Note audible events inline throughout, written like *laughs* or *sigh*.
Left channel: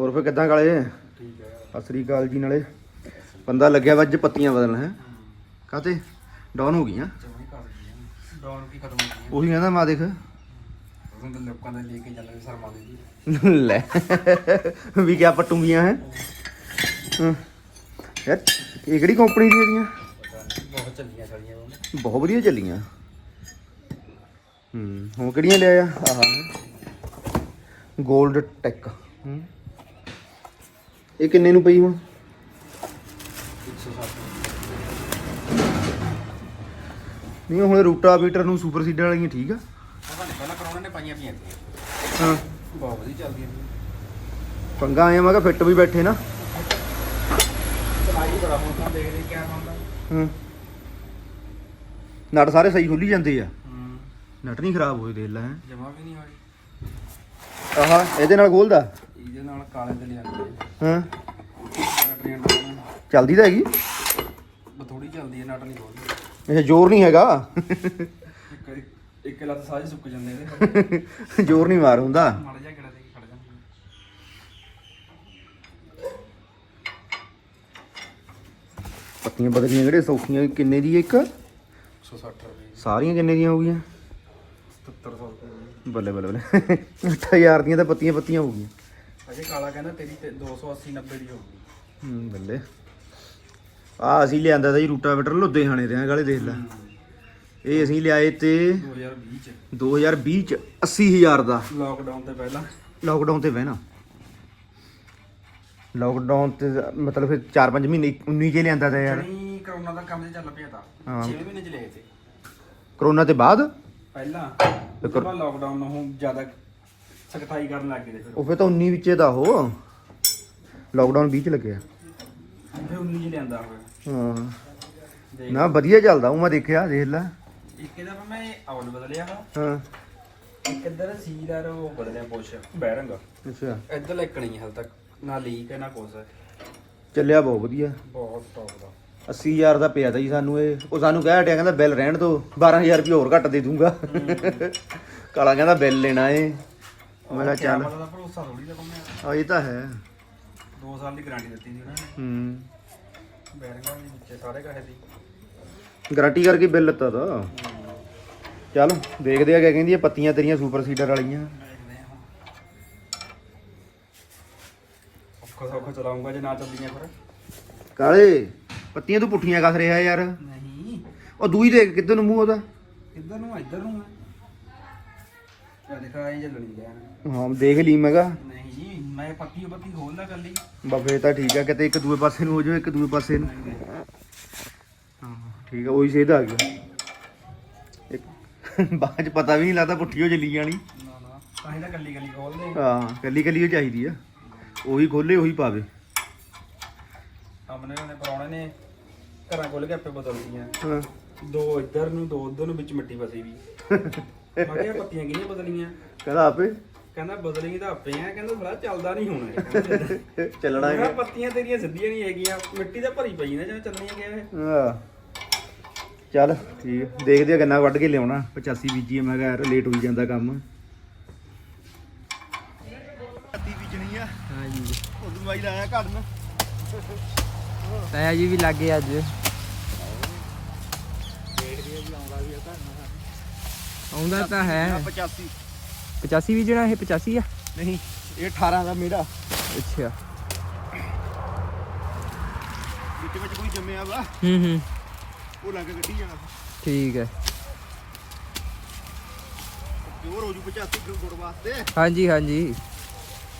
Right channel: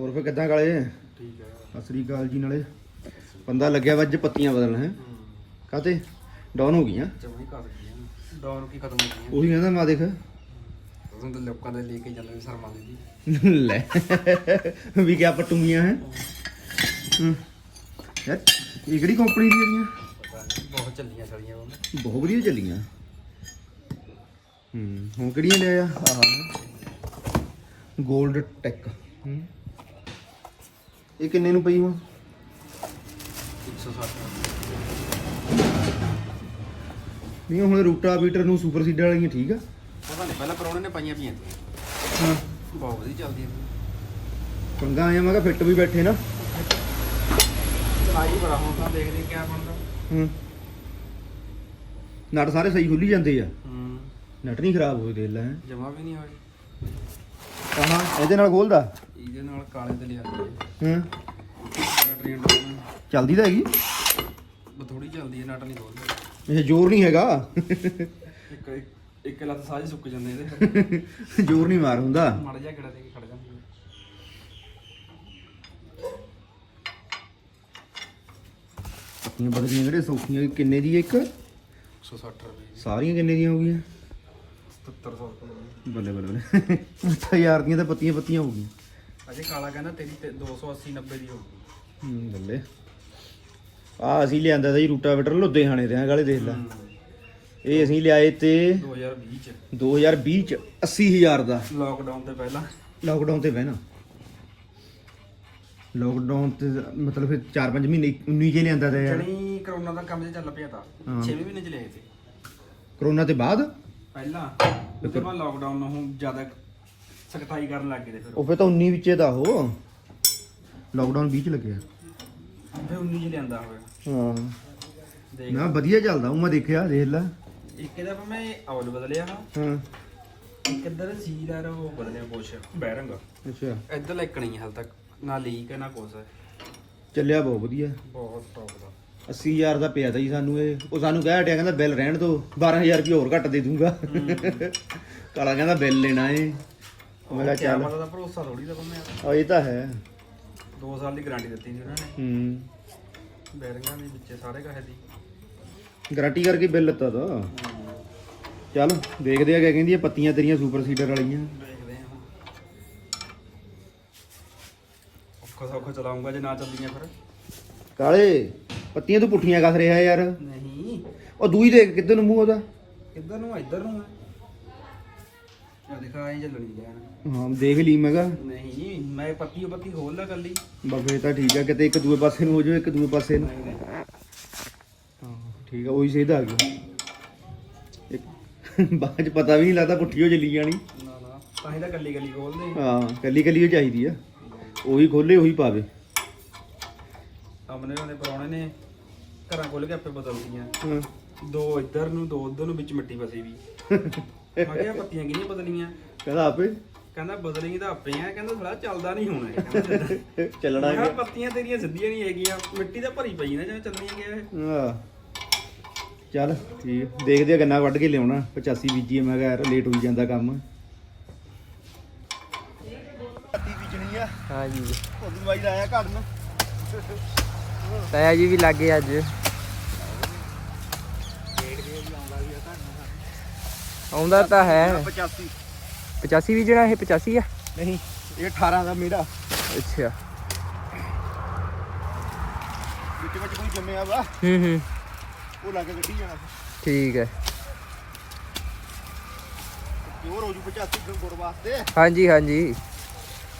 ਹੋਰ ਫੇ ਕਿੱਦਾਂ ਕਾਲੇ? ਠੀਕ ਹੈ। ਸਤਿ ਸ੍ਰੀ ਅਕਾਲ ਜੀ ਨਾਲੇ। ਬੰਦਾ ਲੱਗਿਆ ਵਾ ਅੱਜ ਪੱਤੀਆਂ ਬਦਲਣ ਹੈ। ਕਾਤੇ? ਡਾਊਨ ਹੋ ਗਈਆਂ। ਗਈ ਡੌਨ ਕੀ ਖਤਮ ਹੋ ਗਈ ਉਹੀ ਕਹਿੰਦਾ ਮਾ ਦੇਖ। ਉਦੋਂ ਤਾਂ ਲੋਕਾਂ ਦੇ ਲੈ ਕੇ ਚੱਲਣ ਸ਼ਰਮਾ ਦੇ ਦੀ ਲੈ। ਵੀ ਕਿਆ ਪਟੂਗੀਆਂ ਹੈ। ਯਾਰ ਇਹ ਕਿਹੜੀ ਕੰਪਨੀ ਪਤਾ ਨਹੀਂ ਬਹੁਤ ਚੱਲੀਆਂ ਉਹ। ਬਹੁਤ ਵਧੀਆ ਚੱਲੀਆਂ। ਹੂੰ ਹੁਣ ਕਿਹੜੀਆਂ ਲਿਆ ਆ ਆਹ। 골ਡ ਟੈਕ ਹੂੰ। ਇਹ ਕਿੰਨੇ ਨੂੰ ਪਈ ਹੁਣ? 160 ਨਹੀਂ ਹੁਣ ਰੂਟਾਵੀਟਰ ਨੂੰ ਸੁਪਰ ਸੀਡਰ ਵਾਲੀਆਂ ਠੀਕ ਆ। ਪਹਿਲਾਂ ਕਰੋਨੇ ਨੇ ਪਾਈਆਂ ਪਈਆਂ ਹਾਂ। ਬਹੁਤ ਵਧੀਆ ਚੱਲਦੀਆਂ ਪੰਗਾ ਆਇਆ ਮੈਂ ਕਿਹਾ ਫਿੱਟ ਵੀ ਬੈਠੇ ਨਾ। ਚਲਾਈ ਬੜਾ ਹੁਣ ਤਾਂ ਦੇਖਦੇ ਕਿਆ ਬਣਦਾ ਹੂੰ। ਨਟ ਸਾਰੇ ਸਹੀ ਖੁੱਲੀ ਜਾਂਦੇ ਆ। ਹੂੰ। ਨਟ ਨਹੀਂ ਖਰਾਬ ਹੋਏ ਦੇਖ ਲੈ। ਜਮਾ ਵੀ ਨਹੀਂ ਹੋਈ ਆਹ ਇਹਦੇ ਨਾਲ ਖੋਲਦਾ? ਇਹਦੇ ਨਾਲ ਕਾਲੇ ਤੇ ਲਿਆਂਦੇ ਹਾਂ। ਬੈਟਰੀਆਂ ਡਾਉਨ ਚੱਲਦੀ ਤਾਂ ਹੈਗੀ। ਬਥੋੜੀ ਚੱਲਦੀ ਹੈ ਨਟ ਨਹੀਂ ਖੋਲਦੀ। ਇਹ ਜ਼ੋਰ ਨਹੀਂ ਹੈਗਾ? ਇੱਕ ਇੱਕ ਲੱਤ ਸਾਰੇ ਸੁੱਕ ਜਾਂਦੇ ਇਹਦੇ। ਜ਼ੋਰ ਨਹੀਂ ਮਾਰ ਹੁੰਦਾ। ਮੜ ਜਾ ਕਿਹੜਾ ਤੇ ਖੜ ਜਾਂਦੇ ਪੱਤੀਆਂ ਬਦਲੀਆਂ ਕਿਹੜੇ ਸੌਖੀਆਂ ਕਿੰਨੇ ਦੀ ਇੱਕ? 160 ਰੁਪਏ ਸਾਰੀਆਂ ਕਿੰਨੇ ਦੀਆਂ ਹੋ ਗਈਆਂ? 7700 ਰੁਪਏ ਬੱਲੇ ਬੱਲੇ ਬੱਲੇ। 8000 ਦੀਆਂ ਤਾਂ ਪੱਤੀਆਂ ਪੱਤੀਆਂ ਹੋ ਗਈਆਂ। ਅਜੇ ਕਾਲਾ ਕਹਿੰਦਾ ਤੇਰੀ ਤੇ 280 90 ਦੀ ਹੋਊਗੀ ਹੂੰ ਬੱਲੇ। ਆ ਅਸੀਂ ਲਿਆਂਦਾ ਤਾਂ ਜੀ ਰੂਟਾਵੇਟਰ ਲੁਧਿਆਣੇ ਦੇ ਆ ਗਾਲੇ ਦੇਖ ਲੈ। ਇਹ ਅਸੀਂ ਲਿਆਏ ਤੇ 2020 ਚ। 2020 ਚ 80000 ਦਾ। ਲਾਕਡਾਊਨ ਤੋਂ ਪਹਿਲਾਂ। ਲਾਕਡਾਊਨ ਤੇ ਬਹਿਣਾ। ਲਾਕਡਾਊਨ ਤੇ ਮਤਲਬ ਫਿਰ 4-5 ਮਹੀਨੇ 19 ਕੇ ਲਿਆਂਦਾ ਤਾਂ ਯਾਰ। ਜਣੀ ਕਰੋਨਾ ਦਾ ਕੰਮ ਤੇ ਚੱਲ ਪਿਆ ਤਾਂ। ਹਾਂ। 6 ਮਹੀਨੇ ਚ ਲਏ ਤੇ। ਕਰੋਨਾ ਤੇ ਬਾਅਦ? ਪਹਿਲਾਂ ਲਾਕਡਾਊਨ ਨੂੰ ਹੁਣ ਜ਼ਿਆਦਾ ਸਖਤਾਈ ਕਰਨ ਲੱਗ ਗਏ ਤੇ ਫਿਰ ਉਹ। ਫਿਰ ਤਾਂ 19 ਵਿੱਚੇ ਦਾ ਉਹ। ਲਾਕਡਾਊਨ 20 ਚ ਲੱਗਿਆ। ਫਿਰ 19 ਚ ਲਿਆਂਦਾ ਹੋਇਆ ਹੂੰ। ਦੇਖ। ਨਾ ਵਧੀਆ ਚੱਲਦਾ ਉਹ ਮੈਂ ਦੇਖਿਆ ਦੇਖ ਲੈ। ਇੱਕ ਇਹਦਾ ਮੈਂ ਆਉਲ ਬਦਲਿਆ ਵਾ ਹਾਂ। ਇੱਕ ਇੱਧਰ ਸੀਦਾਰ ਉਹ ਬਦਲਿਆ ਪੁੱਛ ਬੈਰੰਗ ਅੱਛਾ। ਇੱਧਰ ਲੱਗਣੀ ਹਾਲ ਤੱਕ ਨਾ ਲੀਕ ਹੈ ਨਾ ਕੁਛ। ਹੈ ਚੱਲਿਆ ਬਹੁਤ ਵਧੀਆ। ਬਹੁਤ ਟੌਪ ਦਾ। 80000 ਦਾ ਪਿਆ ਤਾ ਜੀ ਸਾਨੂੰ ਇਹ। ਉਹ ਸਾਨੂੰ ਕਹਿ ਹਟਿਆ ਕਹਿੰਦਾ ਬਿੱਲ ਰਹਿਣ ਦੋ 12000 ਰੁਪਏ ਹੋਰ ਘੱਟ ਦੇ ਦੂੰਗਾ। ਕਾਲਾ ਕਹਿੰਦਾ ਬਿੱਲ ਲੈਣਾ ਏ। ਉਹ ਕਿਆ ਮਤਲਬ ਦਾ ਭਰੋਸਾ ਥੋੜੀ ਲਗਾਉਂਦੇ ਆ ਇਹ ਤਾਂ ਹੈ। 2 ਸਾਲ ਦੀ ਗਾਰੰਟੀ ਦਿੱਤੀ ਸੀ ਉਹਨਾਂ ਨੇ। ਹੂੰ। ਬੈਰਿੰਗਾਂ ਵੀ ਵਿੱਚੇ ਸਾਰੇ ਕਹੇ ਦੀ। ਗਾਰੰਟੀ ਕਰਕੇ ਬਿੱਲ ਲੱਤਾ ਤਾ। ਚੱਲ ਦੇਖਦੇ ਆ ਕਿਆ ਕਹਿੰਦੀ ਆ ਪੱਤੀਆਂ ਤੇਰੀਆਂ ਸੁਪਰ ਸੀਡਰ ਵਾਲੀਆਂ। ਦੇਖਦੇ ਹਾਂ ਔਖਾ ਸੌਖਾ ਚਲਾਉਂਗਾ ਜੇ ਨਾ ਚੱਲਦੀਆਂ ਫਿਰ। ਕਾਲੇ। ਪੱਤੀਆਂ ਤੂੰ ਪੁੱਠੀਆਂ ਕੱਸ ਰਿਹਾ ਯਾਰ। ਨਹੀਂ। ਉਹ ਦੂਈ ਦੇਖ ਕਿੱਧਰ ਨੂੰ ਮੂੰਹ ਉਹਦਾ? ਕਿੱਧਰ ਨੂੰ ਆ? ਇੱਧਰ ਨੂੰ ਆ। ਦੇਖਾ ਇਹ ਚੱਲਣੀ ਹਾਂ ਦੇਖ ਲਈ ਮੈਂਗਾ ਨਹੀਂ ਮੈਂ ਪੱਤੀ ਪੱਤੀ ਖੋਲ ਲਾ ਕੱਲੀ। ਬਾਬੇ ਤਾਂ ਠੀਕ ਆ ਕਿਤੇ ਇੱਕ ਦੂਏ ਪਾਸੇ ਨੂੰ ਹੋ ਜਾਵੇ ਇੱਕ ਦੂਏ ਪਾਸੇ ਨੂੰ। ਨਹੀਂ ਨਹੀਂ। ਠੀਕ ਆ ਉਹੀ ਸੇਧ ਆ ਗਿਆ। ਇੱਕ ਬਾਅਦ ਚ ਪਤਾ ਵੀ ਨਹੀਂ ਲੱਗਦਾ ਪੁੱਠੀ ਹੋ ਚੱਲੀ ਜਾਣੀ। ਨਾ ਨਾ ਤਾਂ ਹੀ ਤਾਂ ਕੱਲੀ ਕੱਲੀ ਖੋਲਦੇ ਹਾਂ ਕੱਲੀ ਕੱਲੀ ਉਹ ਚਾਹੀਦੀ ਆ। ਉਹੀ ਖੋਲੇ ਉਹੀ ਪਾਵੇ। ਸਾਹਮਣੇ ਉਹਨੇ ਪਰੌਣੇ ਨੇ ਘਰਾਂ ਖੋਲ ਕੇ ਆਪੇ ਬਦਲਦੀਆਂ ਹਾਂ। ਦੋ ਇੱਧਰ ਨੂੰ ਦੋ ਉੱਧਰ ਨੂੰ ਵਿੱਚ ਮਿੱਟੀ ਫਸੀ ਵੀ। ਮੈਂ ਕਿਹਾ ਪੱਤੀਆਂ ਕਿਹਨੀਆਂ ਬਦਲੀਆਂ? ਕਹਿੰਦਾ ਆਪੇ। ਕਹਿੰਦਾ ਬਦਲੀ ਤਾਂ ਆਪੇ ਆ ਕਹਿੰਦਾ ਥੋੜਾ ਚੱਲਦਾ ਨਹੀਂ ਹੋਣਾ ਇਹ। ਕਹਿੰਦਾ ਚੱਲਣਾ ਮੈਂ ਕਿਹਾ ਪੱਤੀਆਂ ਤੇਰੀਆਂ ਸਿੱਧੀਆਂ ਨਹੀਂ ਹੈਗੀਆਂ ਮਿੱਟੀ ਤਾਂ ਭਰੀ ਪਈ ਨਾ ਜਿਵੇਂ ਚੱਲਣੀਆਂ ਗਿਆ ਇਹ ਹਾਂ। ਚੱਲ ਠੀਕ। ਦੇਖਦੇ ਆ ਕਿੰਨਾ ਵੱਢ ਕੇ ਲਿਆਉਣਾ। 85 ਬੀਜੀ ਮੈਂ ਕਿਹਾ ਯਾਰ ਲੇਟ ਹੋ ਜਾਂਦਾ ਕੰਮ। ਅੱਤੀ ਬੀਜਣੀ ਆ। ਹਾਂ ਜੀ ਉਦੋਂ ਬਾਈ ਦਾ ਆਇਆ ਘਰ ਨੂੰ। ਤਾਇਆ ਜੀ ਵੀ ਲੱਗੇ ਅੱਜ। ਆਉਂਦਾ ਤਾਂ ਹੈ। 85 85 ਵੀ ਜਿਹੜਾ ਇਹ 85 ਆ? ਨਹੀਂ ਇਹ 18 ਦਾ ਮੇਰਾ। ਅੱਛਾ। ਵਿੱਚ ਵਿੱਚ ਕੋਈ ਜੰਮਿਆ ਵਾ। ਹੂੰ ਹੂੰ। ਉਹ ਲੱਗ ਗੱਡੀ ਜਾਣਾ। ਠੀਕ ਹੈ। ਪਿਓਰ ਹੋ ਜੂ 85 ਕਿਲੋ ਗੁੜ ਵਾਸਤੇ। ਹਾਂਜੀ ਹਾਂਜੀ।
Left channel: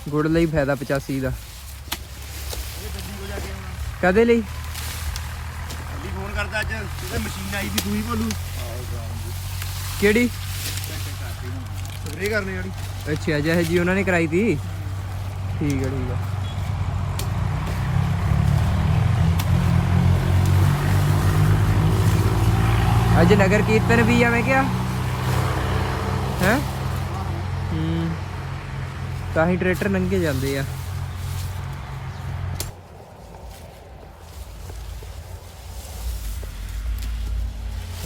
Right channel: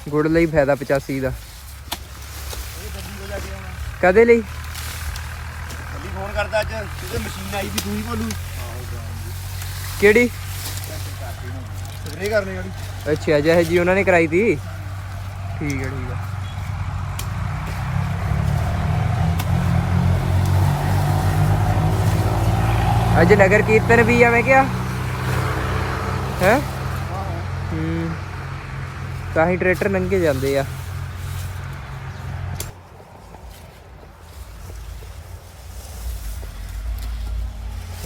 ਗੁੜ ਲਈ ਫਾਇਦਾ 85 ਦਾ। ਇਹ ਦਿੱਲੀ ਕੋ ਜਾ ਕੇ ਆਉਣਾ। ਕਦੇ ਲਈ? ਦਿੱਲੀ ਫੋਨ ਕਰਦਾ ਅੱਜ ਇਹਦੇ ਮਸ਼ੀਨ ਆਈ ਵੀ ਤੂੰ ਹੀ ਬੋਲੂ। ਕਿਹੜੀ? ਸਪਰੇ ਕਰਨੇ ਵਾਲੀ। ਅੱਛਾ ਜਿਹੇ ਜੀ ਉਹਨਾਂ ਨੇ ਕਰਾਈ ਤੀ? ਠੀਕ ਹੈ ਠੀਕ ਹੈ ਅੱਜ ਨਗਰ ਕੀਰਤਨ ਵੀ ਆ ਮੈਂ ਕਿਹਾ। ਹੈ? ਹੂੰ। ਤਾਂ ਹੀ ਟਰੈਕਟਰ ਨੰਗੇ ਜਾਂਦੇ ਆ।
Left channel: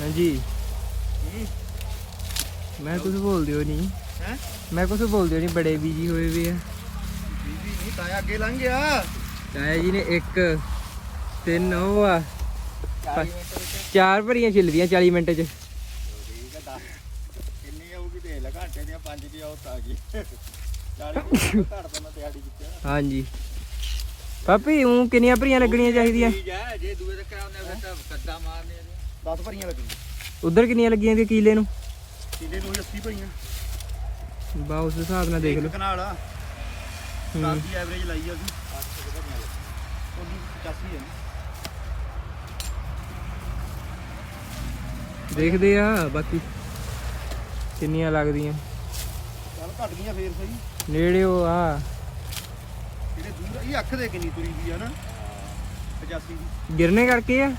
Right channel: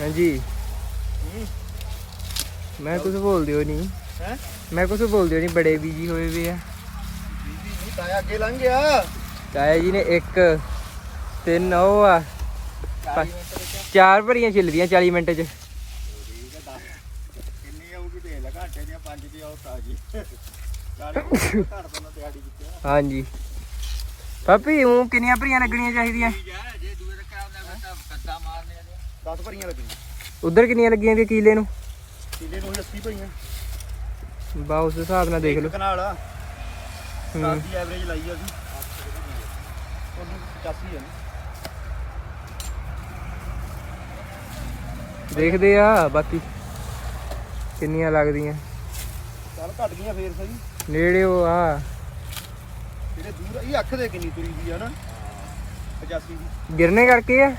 ਹਾਂਜੀ। ਮੈਂ ਕੁਝ ਬੋਲਦੇ ਹੋ ਨਹੀਂ ਹੈ? ਮੈਂ ਕੁਝ ਬੋਲਦੇ ਹੋ ਨਹੀਂ ਬੜੇ ਬੀਜੀ ਹੋਏ ਵੇ ਆ। ਤਾਇਆ ਅੱਗੇ ਲੰਘ ਗਿਆ। ਤਾਇਆ ਜੀ ਨੇ ਇੱਕ ਤਿੰਨ ਉਹ ਆ। ਚਾਰ ਭਰੀਆਂ ਛਿੱਲਦੀਆਂ 40 ਮਿੰਟ ਚ। ਕਿੰਨੀ ਆਊਗੀ ਦੇ ਲੈ ਘਾਟੇ ਦੀਆਂ ਪੰਜ ਦੀ ਔਤ ਆ ਗਈ। 40 ਘੱਟ ਤੋਂ ਦਿਹਾੜੀ ਵਿੱਚ। ਹਾਂਜੀ। ਪਾਪੀ ਉਹ ਕਿੰਨੀਆਂ ਭਰੀਆਂ ਲੱਗਣੀਆਂ ਚਾਹੀਦੀਆਂ? ਜਾ ਜੇ ਦੂਏ ਦੇ ਕਰਾਉਂਦੇ ਫਿਰ ਤਾਂ ਕੱਟਾ ਮਾਰਨੇ ਆ 10 ਭਰੀਆਂ ਲੱਗਣੀਆਂ ਉਧਰ ਕਿੰਨੀਆਂ ਲੱਗੀਆਂ ਵੀ ਕੀਲੇ ਨੂੰ? ਕਿਲੇ ਨੂੰ 80 ਭਰੀਆਂ। ਬਾ ਉਸ ਹਿਸਾਬ ਨਾਲ ਦੇਖ ਲਓ। ਕਨਾਲ ਆ। ਦੀ ਐਵਰੇਜ ਲਾਈ ਆ ਅਸੀਂ ਉਹਨੂੰ 85 ਹੈ ਨਾ ਦੇਖਦੇ ਆ ਬਾਕੀ ਕਿੰਨੀਆਂ ਲੱਗਦੀਆਂ। ਚੱਲ ਘਟ ਗਈਆਂ ਫੇਰ ਸਹੀ। ਨੇੜੇ ਉਹ ਆ। ਜਿਹੜੇ ਦੂਰ ਇਹ ਅੱਖ ਦੇ ਕਿੰਨੀ ਤੁਰੀ ਵੀ ਆ ਨਾ। 85 ਦੀ। ਗਿਰਨੇ ਕਰਕੇ ਆ?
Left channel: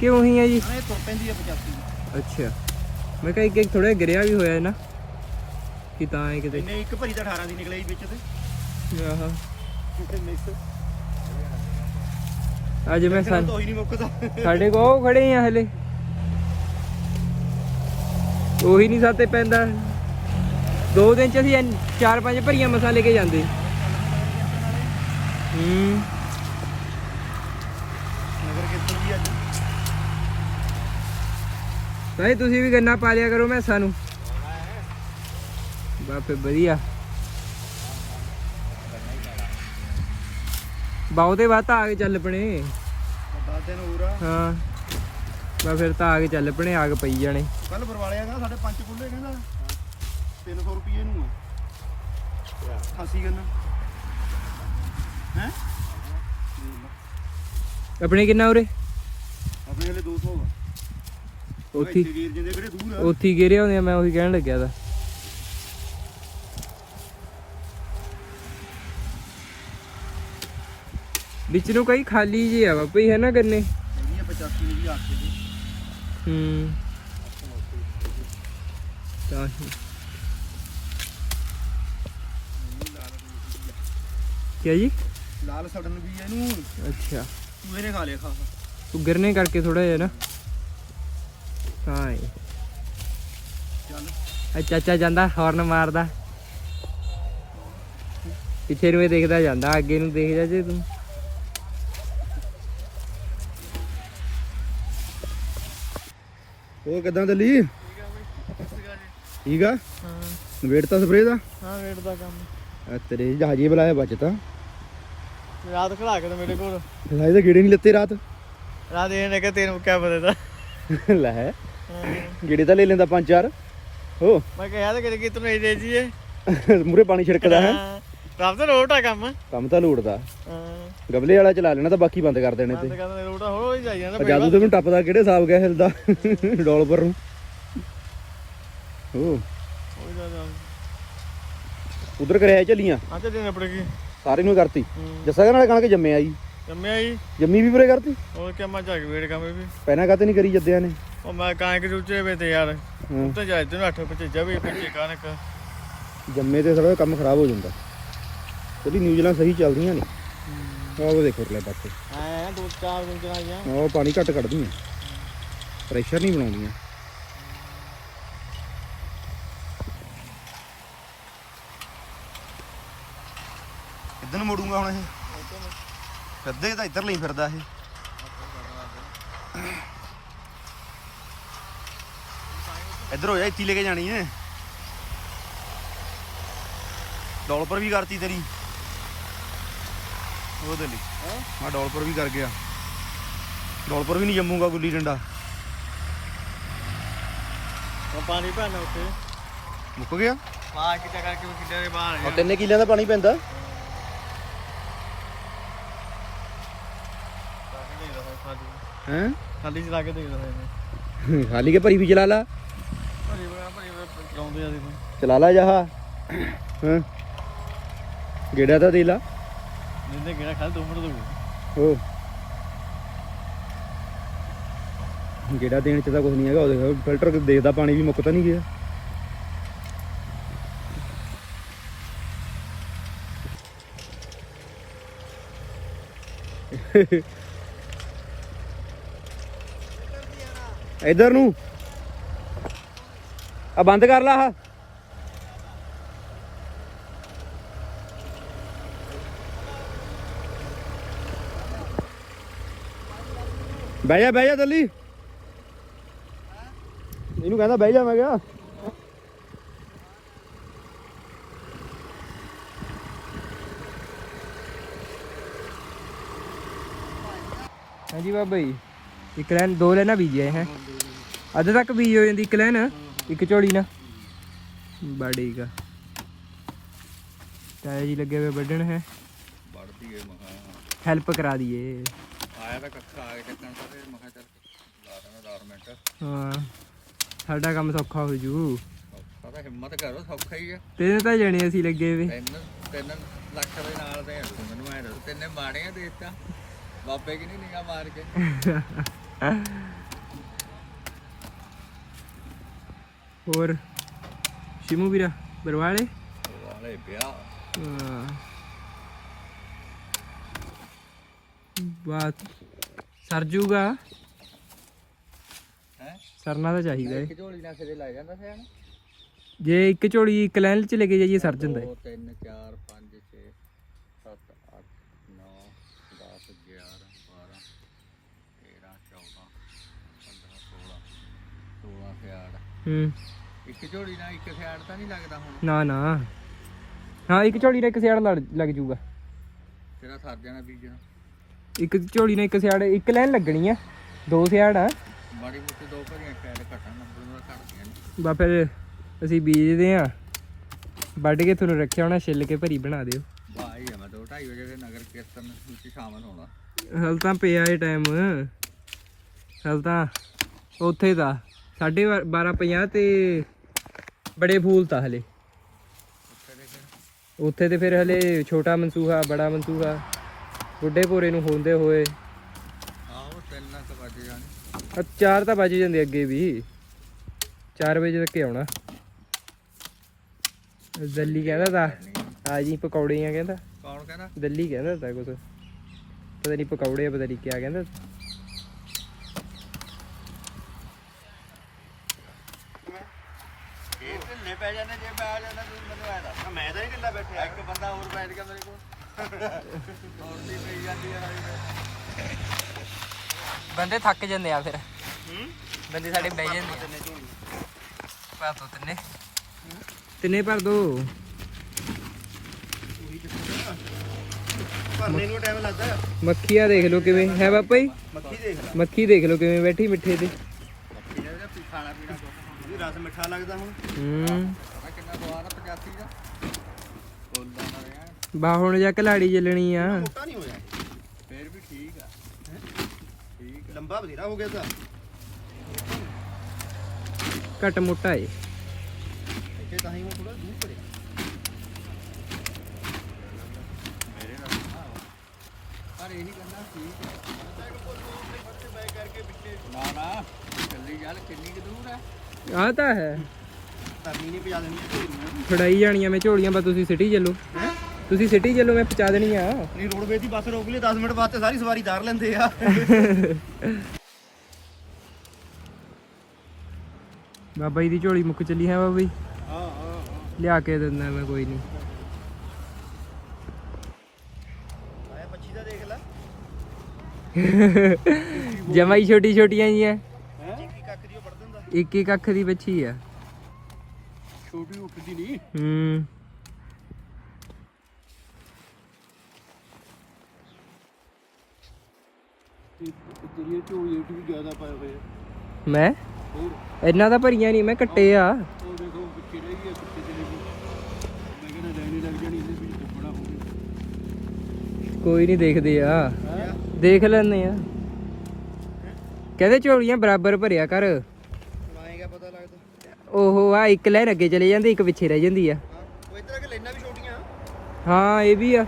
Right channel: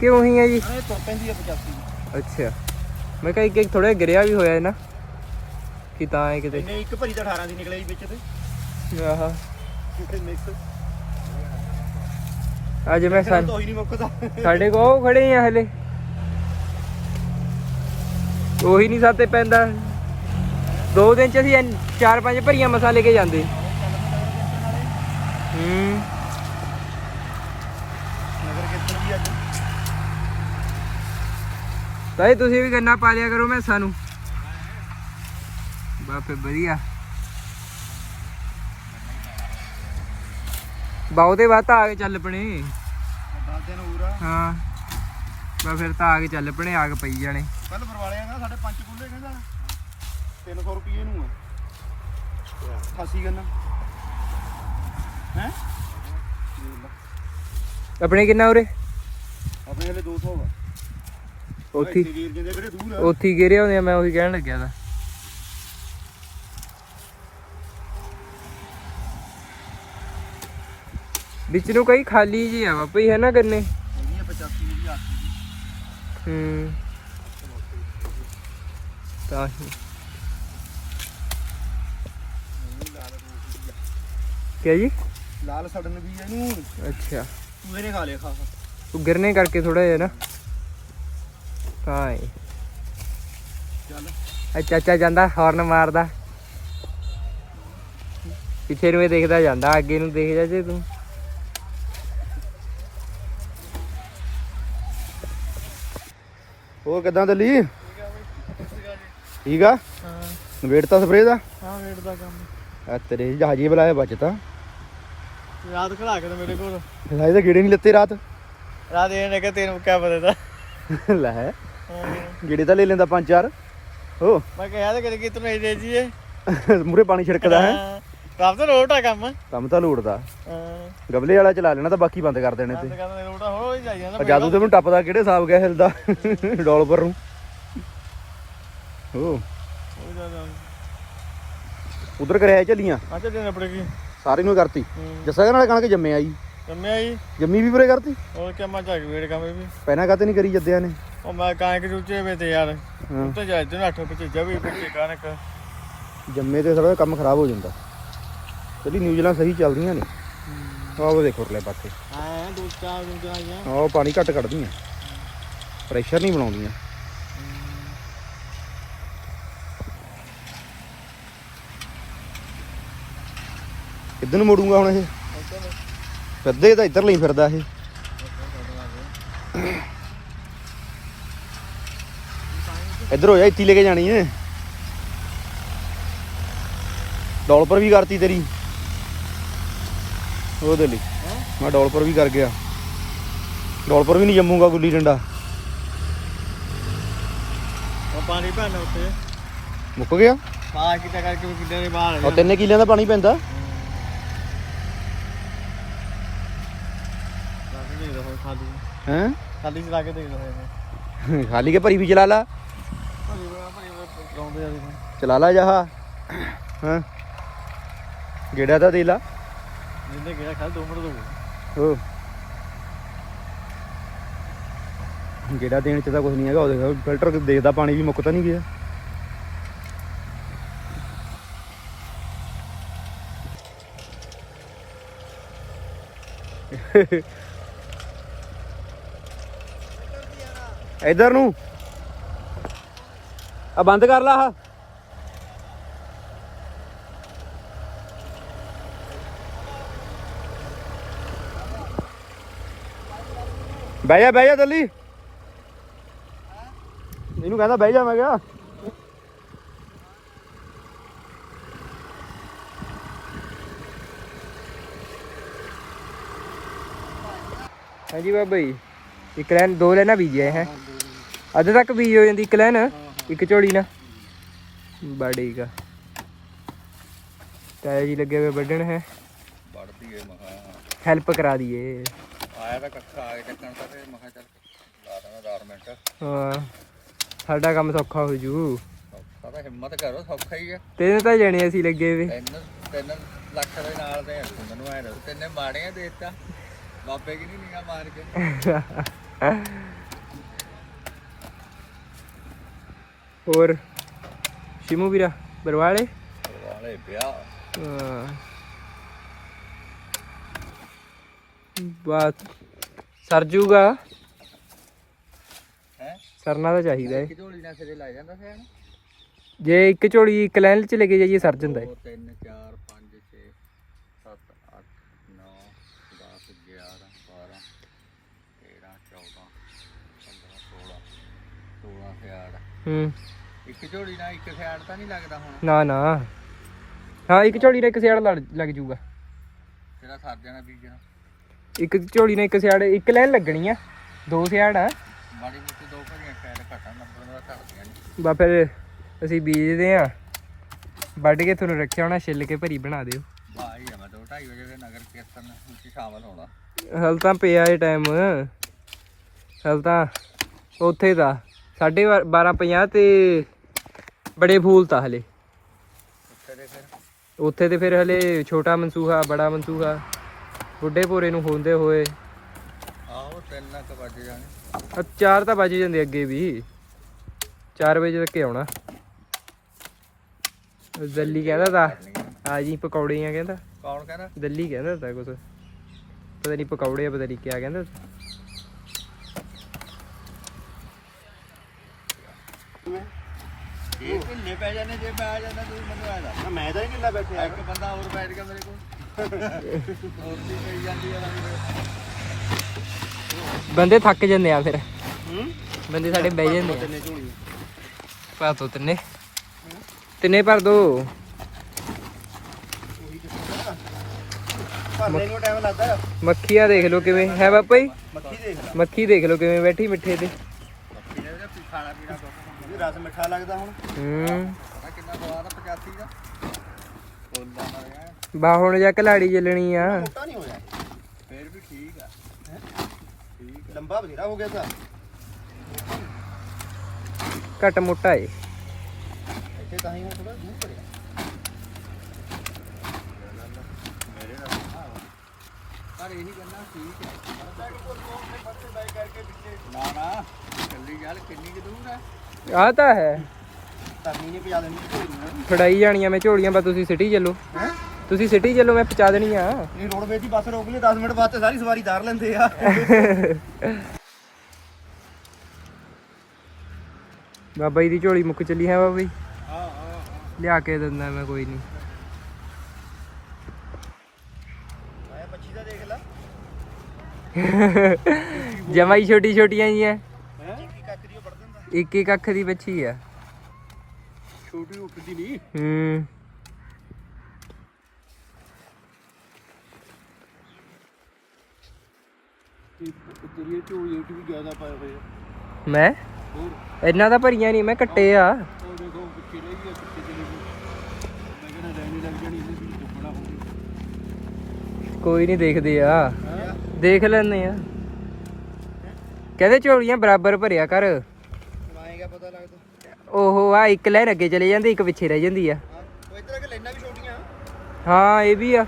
ਕਿ ਉਹੀ ਆ ਜੀ? ਨਾ ਇਹ ਤੁਰ ਪੈਂਦੀ ਆ 85 ਦੀ ਅੱਛਾ। ਮੈਂ ਕਿਹਾ ਇੱਕ ਇੱਕ ਥੋੜਾ ਗਿਰਿਆ ਵੀ ਹੋਇਆ ਹੈ ਨਾ। ਕਿ ਤਾਂ ਹੈ ਕਿਤੇ ਇੱਕ ਭਰੀ ਤਾਂ 18 ਦੀ ਨਿਕਲਿਆ ਜੀ ਵਿੱਚ ਤੇ। ਆਹਾ। ਕਿਤੇ ਮਿਕਸ ਅੱਜ ਮੈਂ ਸਾਨੂੰ ਸਨ ਤਾਂ ਹੀ ਨਹੀਂ ਮੁੱਕਦਾ। ਸਾਡੇ ਕੋ ਉਹ ਖੜੇ ਆ ਹਲੇ। ਉਹੀ ਨਹੀਂ ਸਾਤੇ ਪੈਂਦਾ। ਦੋ ਦਿਨ ਚ ਅਸੀਂ ਚਾਰ ਪੰਜ ਭਰੀਆਂ ਮਸਾ ਲੈ ਕੇ ਜਾਂਦੇ। ਹੂੰ। ਨਗਰ ਕੀਰਤਨ ਵੀ ਅੱਜ। ਭਾਈ ਤੁਸੀਂ ਵੀ ਗੰਨਾ ਪਾ ਲਿਆ ਕਰੋ ਮੈਂ ਸਾਨੂੰ ਬਾਪੇ ਵਧੀਆ। ਬਹੁਤੇ ਬਾਤ ਆ ਕੇ ਚੱਲ ਪਣੇ। 10 ਦਿਨ ਹੋਰ ਆ ਹਾਂ। ਬਾ ਫਿਰ ਤਾਂ ਆ ਕੇ ਚੱਲ ਪਣੇ ਆਗ ਪਈ ਜਾਣੇ। ਕੱਲ ਬਰਵਾਲਿਆ ਨਾ ਸਾਡੇ ਪੰਜ ਕੁੱਲੇ ਕਹਿੰਦਾ 300 ਰੁਪਏ ਨੂੰ ਆ। ਖਾਸੀ ਗੰਨਾ। ਹੈ? ਆਪਣੇ ਕਿੰਨਾ ਉਰੇ? ਆਪਣੇ ਹਲੇ 200 ਵਾ ਉੱਥੇ ਹੀ- ਵੀਰ ਜਿੰਦੇ ਕਿਹੜੇ ਦੂਰ ਆ? ਉੱਥੇ ਹੀ ਗਿਰੇ ਹੁੰਦੇ ਆ ਮੈਂ ਉਹੀ ਕਹਿਣ ਲੱਗਿਆ ਤਾਂ। ਵਿੱਚ ਨੂੰ ਕਈ ਖਾਲੀ ਜੀ ਆ ਬਾਪਈ ਹੈ ਨਾ ਗੰਨੇ ਹੈਗੀ ਆ 85 ਦੀ 8 ਦੀ ਹੂੰ। ਤਾਂ ਹੀ। ਕਿਆ ਜੀ? ਲਾਲ ਸੜਨ ਵੀ ਇਹਨੂੰ। ਅੱਛਾ। ਚੂਹੇ ਨੇ ਖਾ ਲਿਆ ਖਾ। ਤੂੰ ਗਿਰਨੇ ਕਰਕੇ ਥੋੜਾ ਜਿਹਾ ਨਾ। ਤਾਂ ਹੀ ਚੱਲ ਚਾਚਾ ਜਾਂਦਾ ਹਾਰਨ ਮਾਰਦਾ। ਪਿੱਛੇ ਨੂੰ ਇਹ ਦੇਖਦਾ ਜਾਂਦਾ ਅੱਗੇ ਨੂੰ ਦੇਖ ਜਾ ਜੇ ਤੂੰ। ਹੋਰ ਕਿਦਾਂ ਦਿੱਲੀ? ਠੀਕ ਆ ਹਾਂ। ਵੇਟ ਤਾਂ ਸਪਰੇ ਦਾ? ਹਾਂ ਵੇਟ ਦਾ ਕੰਮ। ਆ ਤੇਰੇ ਜਹਾਜੀ ਬੁਲਾਇਆ ਬਚਤਾ ਯਾਦ ਖੜਾ ਕੇ ਮੇਰੇ ਕੋਲ। ਸਾਈ ਤਾਂ ਗੇੜੇ ਨਹੀਂ ਲੱਤੇ ਰਾਤ? ਰਾਤ ਇਹ ਨੇ ਕਿ ਤੈਨੂੰ ਕਿਆ ਪਤਾ ਤਾ। ਲੈ। ਗੇੜੇ ਤਾਂ ਲੈ ਲੈਂਦਾ ਪੰਜ ਚਾਰ। ਹੋ ਮੈਂ ਕਿਹਾ ਤਾਂ ਕਿ ਤੂੰ ਨਹੀਂ ਦੇ ਜੀਏ ਮੂਰੇ ਪਾਣੀ ਛਿੜਕਦਾ ਹੈ। ਰਾਤ ਤਾਂ ਆ ਕੰਮ। ਕੰਮ ਤਾਂ ਲੋੜਦਾ ਹਾਂ। ਗਬਲੇ ਵਾਲਾ ਚਲਾ ਲੈਣਾ ਤਾਂ ਬਾਕੀ ਬੰਦ ਕਰ ਦੇਣੇ ਤੇ। ਕਹਿੰਦਾ ਰੋਟਾ ਹੋ ਹੀ ਜਾਈ ਜਾਂਦਾ ਜਾਦੂ ਤੇ ਮੈਨੂੰ ਟੱਪਦਾ ਕਿਹੜੇ ਹਿਸਾਬ ਗਿਆ ਹਿਲਦਾ। ਡੋਲਪਰ ਨੂੰ। ਹੋ ਉਧਰ ਕਰਿਆ ਚੱਲੀਆਂ ਆ ਚੱਲੇ ਆਪਣੇ ਕੀ? ਸਾਰੀ ਨੂੰ ਕਰਤੀ। ਜੱਸਾ ਨਾਲ ਕਣਕ ਜੰਮਿਆ ਜੀ। ਜੰਮਿਆ ਜੀ। ਜੰਮੀ ਵੀ ਪੂਰੇ ਕਰਤੀ? ਹੋਰ ਕਿ ਮੈਂ ਜਾ ਕੇ ਵੇਟ ਕੰਮ ਵੀ। ਪਹਿਲਾਂ ਕਾਤੇ ਨਹੀਂ ਕਰੀ ਜੱਦਿਆਂ ਨੇ? ਉਹ ਮੈਂ ਕਾਂ ਕਿ ਰੁਚੇ ਵੇ ਤੇ ਯਾਰ। ਉੱਤੇ ਜਾ ਤੇ ਅੱਠ ਪਿੱਛੇ ਵੀ ਪਿੱਛੇ ਕਣਕ ਜੰਮੇ ਤੇ ਸਾਰਾ ਕੰਮ ਖਰਾਬ ਹੋ ਜਾਂਦਾ। ਚਲੀ ਨਿਊਜ਼ੀਲੈਂਡ ਸਹੀ ਚੱਲਦੀਆਂ ਨੇ। ਆਹ ਉਹ ਦੇਖੋ ਲੈ ਪਾਸੇ। ਹਾਂ ਦੋ ਚਾਰ ਉਹ ਪਾਣੀ ਘੱਟ ਕੱਢਦੀਆਂ। ਪ੍ਰੈਸ਼ਰ ਨਹੀਂ ਬਣਾਉਂਦੀਆਂ। ਕਿੱਧਰ ਨੂੰ ਮੋੜੂਗਾ ਹੁਣ ਇਹ? ਫਿਰਦੇ ਤਾਂ ਇੱਧਰ ਲਈ ਫਿਰਦਾ ਇਹ। ਇੱਧਰ ਹੋ ਜਾ ਹੀ ਲੈ ਕੇ ਜਾਣੀ ਏ ਡੋਲਪਰ ਵੀ ਕਰਤੀ ਤੇਰੀ। ਉਹਦੇ ਲਈ। ਮੈਂ ਡੋਲਪਰ ਵੀ ਕਰ ਗਿਆ। ਡੋਲਪਰ ਵੀ ਨਹੀਂ ਜੰਮੂਗਾ ਗੁੱਲੀ ਡੰਡਾ। ਉਹ ਪਾਣੀ ਭਰਨਾ ਉੱਤੇ ਮੁੱਕ ਗਿਆ? ਪਾ ਕਿਤਾ ਕਰਕੇ ਕਿੱਡੇ ਦੇ ਬਾਹਰ ਆ ਤਿੰਨੇ ਕਿੱਲਿਆਂ ਦਾ ਪਾਣੀ ਪੈਂਦਾ ਦੇ ਦੋ ਖਾਲੀ ਹੈ? ਖਾਲੀ ਚਲਾ ਕੇ *laughs* ਖਾਲੀ ਭਰੀ ਵੀ ਚਲਾ ਲਾ। ਭਰੀ ਬਣਾ ਭਰੀ ਬਣਾ ਚਲਾਉਂਦੇ ਆ ਦੇਖੋ ਚਲਾ ਲਾ ਜਹਾ ਹਾਂ। ਗੇੜਾ ਤਾਂ ਦੇ ਲਾ। ਜਿੰਦੇ ਕਿਹੜਾ ਖਾਲ 2 ਮਿੰਟ ਦੋ ਉਹ ਗੇੜਾ ਦੇਣ ਚ ਤਾਂ ਕੁਝ ਨਹੀਂ ਹੈਗਾ। ਉਹਦੇ ਫਿਲਟਰ ਦੇਖਦਾ ਪਾਣੀ ਵੀ ਮੁੱਕ ਤਾਂ ਨਹੀਂ ਗਿਆ। ਇਧਰ ਨੂੰ। ਆ ਬੰਦ ਕਰ ਲਾ ਆ ਬਹਿ ਜਾ ਬਹਿ ਜਾ ਦਿੱਲੀ ਇਹਨੂੰ ਕਹਿੰਦਾ ਬਹਿ ਜਾ ਮੈਂ ਕਿਹਾ। ਹਾਂਜੀ ਬਾਬਾ ਜੀ। ਇੱਕ ਲੈਨ ਦੋ ਲੈਣਾ ਬੀਜਿਆ ਹੈ। ਅੱਧ ਤੱਕ ਬੀਜ ਹੋ ਜਾਂਦੀ ਇੱਕ ਲੈਨ ਇੱਕ ਝੋਲੀ ਨਾ। ਬੜੀ ਗਾ। ਤਾਇਆ ਜੀ ਲੱਗੇ ਹੋਏ ਵੱਢਣ ਹੈ। ਵੜਦੀ ਏ ਮਹਾ ਹੈਲਪ ਕਰਾ ਦਈਏ। ਆਇਆ ਤਾਂ ਕੱਖਾ ਆ ਕੇ ਚੱਕਣ ਤਾਂ ਤੇ ਮਹਾ ਚੱਲ ਲਾ ਦਾਂ 10 ਮਿੰਟ। ਹਾਂ ਸਾਡਾ ਕੰਮ ਸੌਖਾ ਹੋ ਜੂ। ਸੌਖਾ ਤਾਂ ਹਿੰਮਤ ਕਰੋ ਸੌਖਾ ਹੀ ਆ। ਤੈਨੂੰ ਤਾਂ ਜਾਣੇ ਅਸੀਂ ਲੱਗੇ ਵੇ ਤਿੰਨ ਤਿੰਨ ਲੱਖ ਦੇ ਨਾਲ ਦੇ ਆ ਤੂੰ ਮੈਨੂੰ ਐ ਦੱਸ ਤਿੰਨੇ ਮਾੜੀਆਂ ਦੇ ਦਿੱਤਾ ਬਾਬੇ ਕਿ ਨਹੀਂ ਨੀਗਾ ਮਾਰ ਕੇ। *laughs* ਹੋਰ? ਸ਼ਿਮੂ ਵੀਰਾ ਬਰਵਾਲੇ? ਵਾਲੇ ਵਿਆਹ। ਹਾਂ। ਬਾਤ ਸਰ ਜੂਗਾ। ਹੈ? ਸਰਨਾ ਤਾਂ ਚਾਹੀਦਾ ਏ। ਸਿਰੇ ਲੱਗ ਜਾਂਦਾ ਜੇ ਇੱਕ ਝੋਲੀ ਇੱਕ ਲਾਈਨ ਚ ਲੈ ਕੇ ਜਾਈਏ ਸਰ ਜਾਂਦਾ ਏ। 2 3 4 5 6 7 8 9 10 11 12 13 14 15 16 16 ਸਿਆੜ ਹੂੰ। ਇੱਕ ਝੋਲੀ ਨਾਲ ਇੱਕ ਸਿਆੜ ਤਾਂ ਨਹੀਂ ਲੱਗਦਾ ਹੁਣ। ਨਾ ਨਾ। ਹਾਂ ਇੱਕ ਝੋਲੀ ਨਾਲ ਇੱਕ ਸਿਆੜ ਲੜ- ਲੱਗ ਜੂਗਾ। ਤੇਰਾ ਸਰ ਜਾਣਾ ਬੀਜਣਾ ਇੱਕ ਝੋਲੀ ਨਾਲ ਇੱਕ ਸਿਆੜ ਇੱਕ ਲਾਈਨ ਲੱਗਣੀ ਆ। ਦੋ ਸਿਆੜ ਆ। ਮਾੜੀ ਮੋਟੀ ਦੋ ਭਰੀਆਂ ਸਿਆੜ ਘਟਣ ਨੰਬਰ ਦਾ ਘਟਦੀਆਂ ਨਹੀਂ ਬਾ ਫਿਰ ਅਸੀਂ ਬੀਜਦੇ ਆ। ਵੱਢ ਕੇ ਤੁਹਾਨੂੰ ਰੱਖਿਆ ਹੋਣਾ ਛਿੱਲ ਕੇ ਭਰੀ ਬਣਾ ਦਿਓ। ਭਾਈ ਆ ਮੈਂ 2:30 ਵਜੇ ਦੇ ਨਗਰ ਕੀਰਤਨ ਵਿੱਚ ਸ਼ਾਮਲ ਹੋਣਾ। ਹਲ ਤਾਂ ਪਿਆ ਏ ਟਾਈਮ ਹਲ ਤਾਂ ਉੱਥੇ ਦਾ। 12:50 ਤੇ ਬੜੇ ਫੂਲ ਤਾਂ ਹਲੇ। ਉੱਥੇ ਦੇ ਫਿਰ ਉੱਥੇ ਤੇ ਫਿਰ ਹਲੇ ਛੋਟਾ ਮਨਸੂਹਾ ਬੜਾ ਮਨਸੂਹਾ ਬੁੱਢੇ ਭੋਰੇ ਨੂੰ ਹੁੰਦੇ ਹੋਏ। ਆਹੋ ਤਿੰਨ ਲੱਖ ਵੱਜ ਜਾਣੇ। ਚਾਰ ਤਾਂ ਵੱਜ ਜਾਂਦੇ ਅੱਗੇ ਵੀ। 4 ਵਜੇ ਤੱਕ ਆਉਣਾ। ਦਿੱਲੀ ਕਹਿੰਦਾ ਤਾਂ। ਆ ਜੀ ਪਕੌੜੇ ਆ ਕਹਿੰਦਾ। ਕੌਣ ਕਹਿੰਦਾ? ਦਿੱਲੀ ਕਹਿੰਦਾ ਤਾਂ ਕੁਛ। ਪਤਾ ਨਹੀਂ ਪਕੌੜੇ ਆ ਪਤਾ ਨਹੀਂ ਕਿਆ ਕਹਿੰਦਾ ਤਾ। ਇਹ ਕਿੰਨੇ ਪੈ ਜਾਣੇ ਜੇ ਪੈ ਜਾਣਾ ਤੁਸੀਂ ਮੈਨੂੰ ਆ ਨਾ ਮੈਂ ਤਾਂ ਨਹੀਂ ਕਿੱਲਾ ਬੈਠਿਆ ਇੱਕ ਬੰਦਾ ਹੋਰ ਬੈਠ ਗਿਆ ਮੇਰੇ ਕੋਲ। ਹੋਰ ਵੀ ਪਈ ਜਾਂਦੀ ਆ ਭਾਈ ਬੰਦੇ ਥੱਕ ਜਾਂਦੇ ਆ ਫਿਰ। ਹੂੰ? ਬੰਦੇ ਸਾਡੇ ਬਹਿ ਜਾਂਦੇ ਆ। ਤਿੰਨੇ ਝੋਲੀ ਪਾ ਦੋ ਤਿੰਨੇ। ਤਿੰਨੇ ਭਰ ਦੋ। ਉਹੀ ਚੱਕਰ ਆ। ਭਰਨੇ ਨੂੰ ਟਾਈਮ ਲੱਗਦਾ। ਮੱਖੀਆਂ ਦੇਖ ਲਓ ਕਿਵੇਂ। ਹੈ ਬਾਪਾ ਜੀ। ਮੱਖੀ ਦੇਖ ਲੈ। ਮੱਖੀ ਦੇਖ ਲਓ ਕਿਵੇਂ ਬੈਠੀ ਮਿੱਠੇ ਤੇ ਇਹਨੇ ਵੀ ਖਾਣਾ ਪੀਣਾ ਦੁੱਧ ਇਹਦੀ ਰਸ ਮਿੱਠਾ ਲੱਗਦਾ ਹੁਣ। ਹੂੰ। ਪਤਾ ਕਿੰਨਾ ਸਵਾਦ ਆ 85 ਦਾ। ਬੋਲਦਾ ਨਾ ਰਿਹਾ ਬਾ ਹੁਣ ਜਾ ਕਲਾੜੀ ਚੱਲਣੀ ਆ। ਮੋਟਾ ਨਹੀਂ ਹੋਇਆ। ਫੇਰ ਵੀ ਠੀਕ ਆ। ਠੀਕ ਲੰਬਾ ਬਥੇਰਾ ਹੋ ਗਿਆ ਤਾਂ। ਘੱਟ ਮੋਟਾ ਏ। ਇੱਥੇ ਤਾਂ ਹੀ ਹੁਣ ਥੋੜਾ ਦੂਰ ਪੜਿਆ ਮੇਰੇ ਨਾਲ ਪਰ ਇਹ ਨਹੀਂ ਕਰਨਾ ਠੀਕ ਹੈ ਨਾ ਨਾ ਚੱਲੀ ਗੱਲ ਕਿੰਨੀ ਕੁ ਦੂਰ ਹੈ ਆ ਤਾਂ ਹੈ। ਧਰਨੀ ਨੇ ਪਜਾ ਦੇਣੀ ਝੋਲੀਆਂ। ਫੜਾਈ ਜਾਣੀਆਂ ਮੈਂ ਝੋਲੀਆਂ ਬਾ ਤੁਸੀਂ ਸਿਟੀ ਚੱਲੋ। ਹੈ? ਤੁਸੀਂ ਸਿਟੀ ਚੱਲੋ ਮੈਂ ਪਹੁੰਚਾ ਦੇਣੀ ਆ। ਨਹੀਂ ਰੋਡਵੇਜ਼ ਦੀ ਬੱਸ ਰੋਕ ਲਈ 10 ਮਿੰਟ ਬਾਅਦ ਤੇ ਸਾਰੀ ਸਵਾਰੀ ਧਾਰ ਲੈਂਦੇ ਆ। ਬਾਬਾ ਜੀ ਦੀ ਝੋਲੀ ਮੁੱਕ ਚੱਲੀ ਹੈ ਬਾਬਾ ਜੀ? ਹਾਂ ਹਾਂ ਲਿਆ ਕੇ ਦਿੰਦਾ ਮੈਂ ਕੋਈ ਨਹੀਂ। ਆਇਆ ਪੱਛੀ ਦਾ ਦੇਖ ਲੈ। ਜਮਾਈ ਛੋਟੀ ਛੋਟੀਆਂ ਜੀਆਂ ਹੈ ਕੀ ਕੱਖ ਦੀ ਉਹ ਵੜ ਦਿੰਦਾ ਇੱਕ ਇੱਕ ਅੱਖ ਦੀ ਬੱਚੀ ਆ। ਛੋਟੀ ਉੱਠਦੀ ਨਹੀਂ ਹੂੰ। ਤੇਰੀ ਝੋਲੀ ਵਿੱਚ ਵੀ ਜ਼ਿਆਦਾ ਪਾਏ ਹੋਏ ਆ। ਮੈਂ? ਇੰਨਾ ਤਾਂ ਭਰੀਆਂ ਨਹੀਂ ਮੈਂ ਕੱਟੇ ਆ। ਉਹ ਦੇਖੋ ਪਿੱਛੇ ਰਹਿ ਗਈ ਆ, ਪਿੱਛੇ ਚਲੀ ਗਈ। ਮੈਂ ਕਹਿੰਦਾ ਲੈਣੀ ਲੱਗ ਜਾਣੀ ਇਹਦੇ ਵਿੱਚ ਟੁੱਪਣਾ ਹੋ ਗਿਆ। ਕੋਈ ਨਹੀਂ ਦੇਖਦੇ ਆ। ਦੇਖ ਲੈਂਦੇ ਆ। ਕਹਿੰਦੇ ਝੋਲੀਆਂ ਬਰਾਬਰ ਭਰਿਆ ਕਰ। ਓਹੋ ਆ ਇੱਕ ਲਾਈਨ ਅੱਗੇ ਚਲੇ ਜਾਂਦੀ ਇੱਕ ਪਿੱਛੇ ਰਹਿ ਜਾਂਦੀ ਆ। ਉਹ ਇਧਰ ਆ ਕੇ ਲੈਣਾ ਵੀ ਛੋਟੀਆਂ। ਹਾਂ ਇਹ ਵੀ ਆ।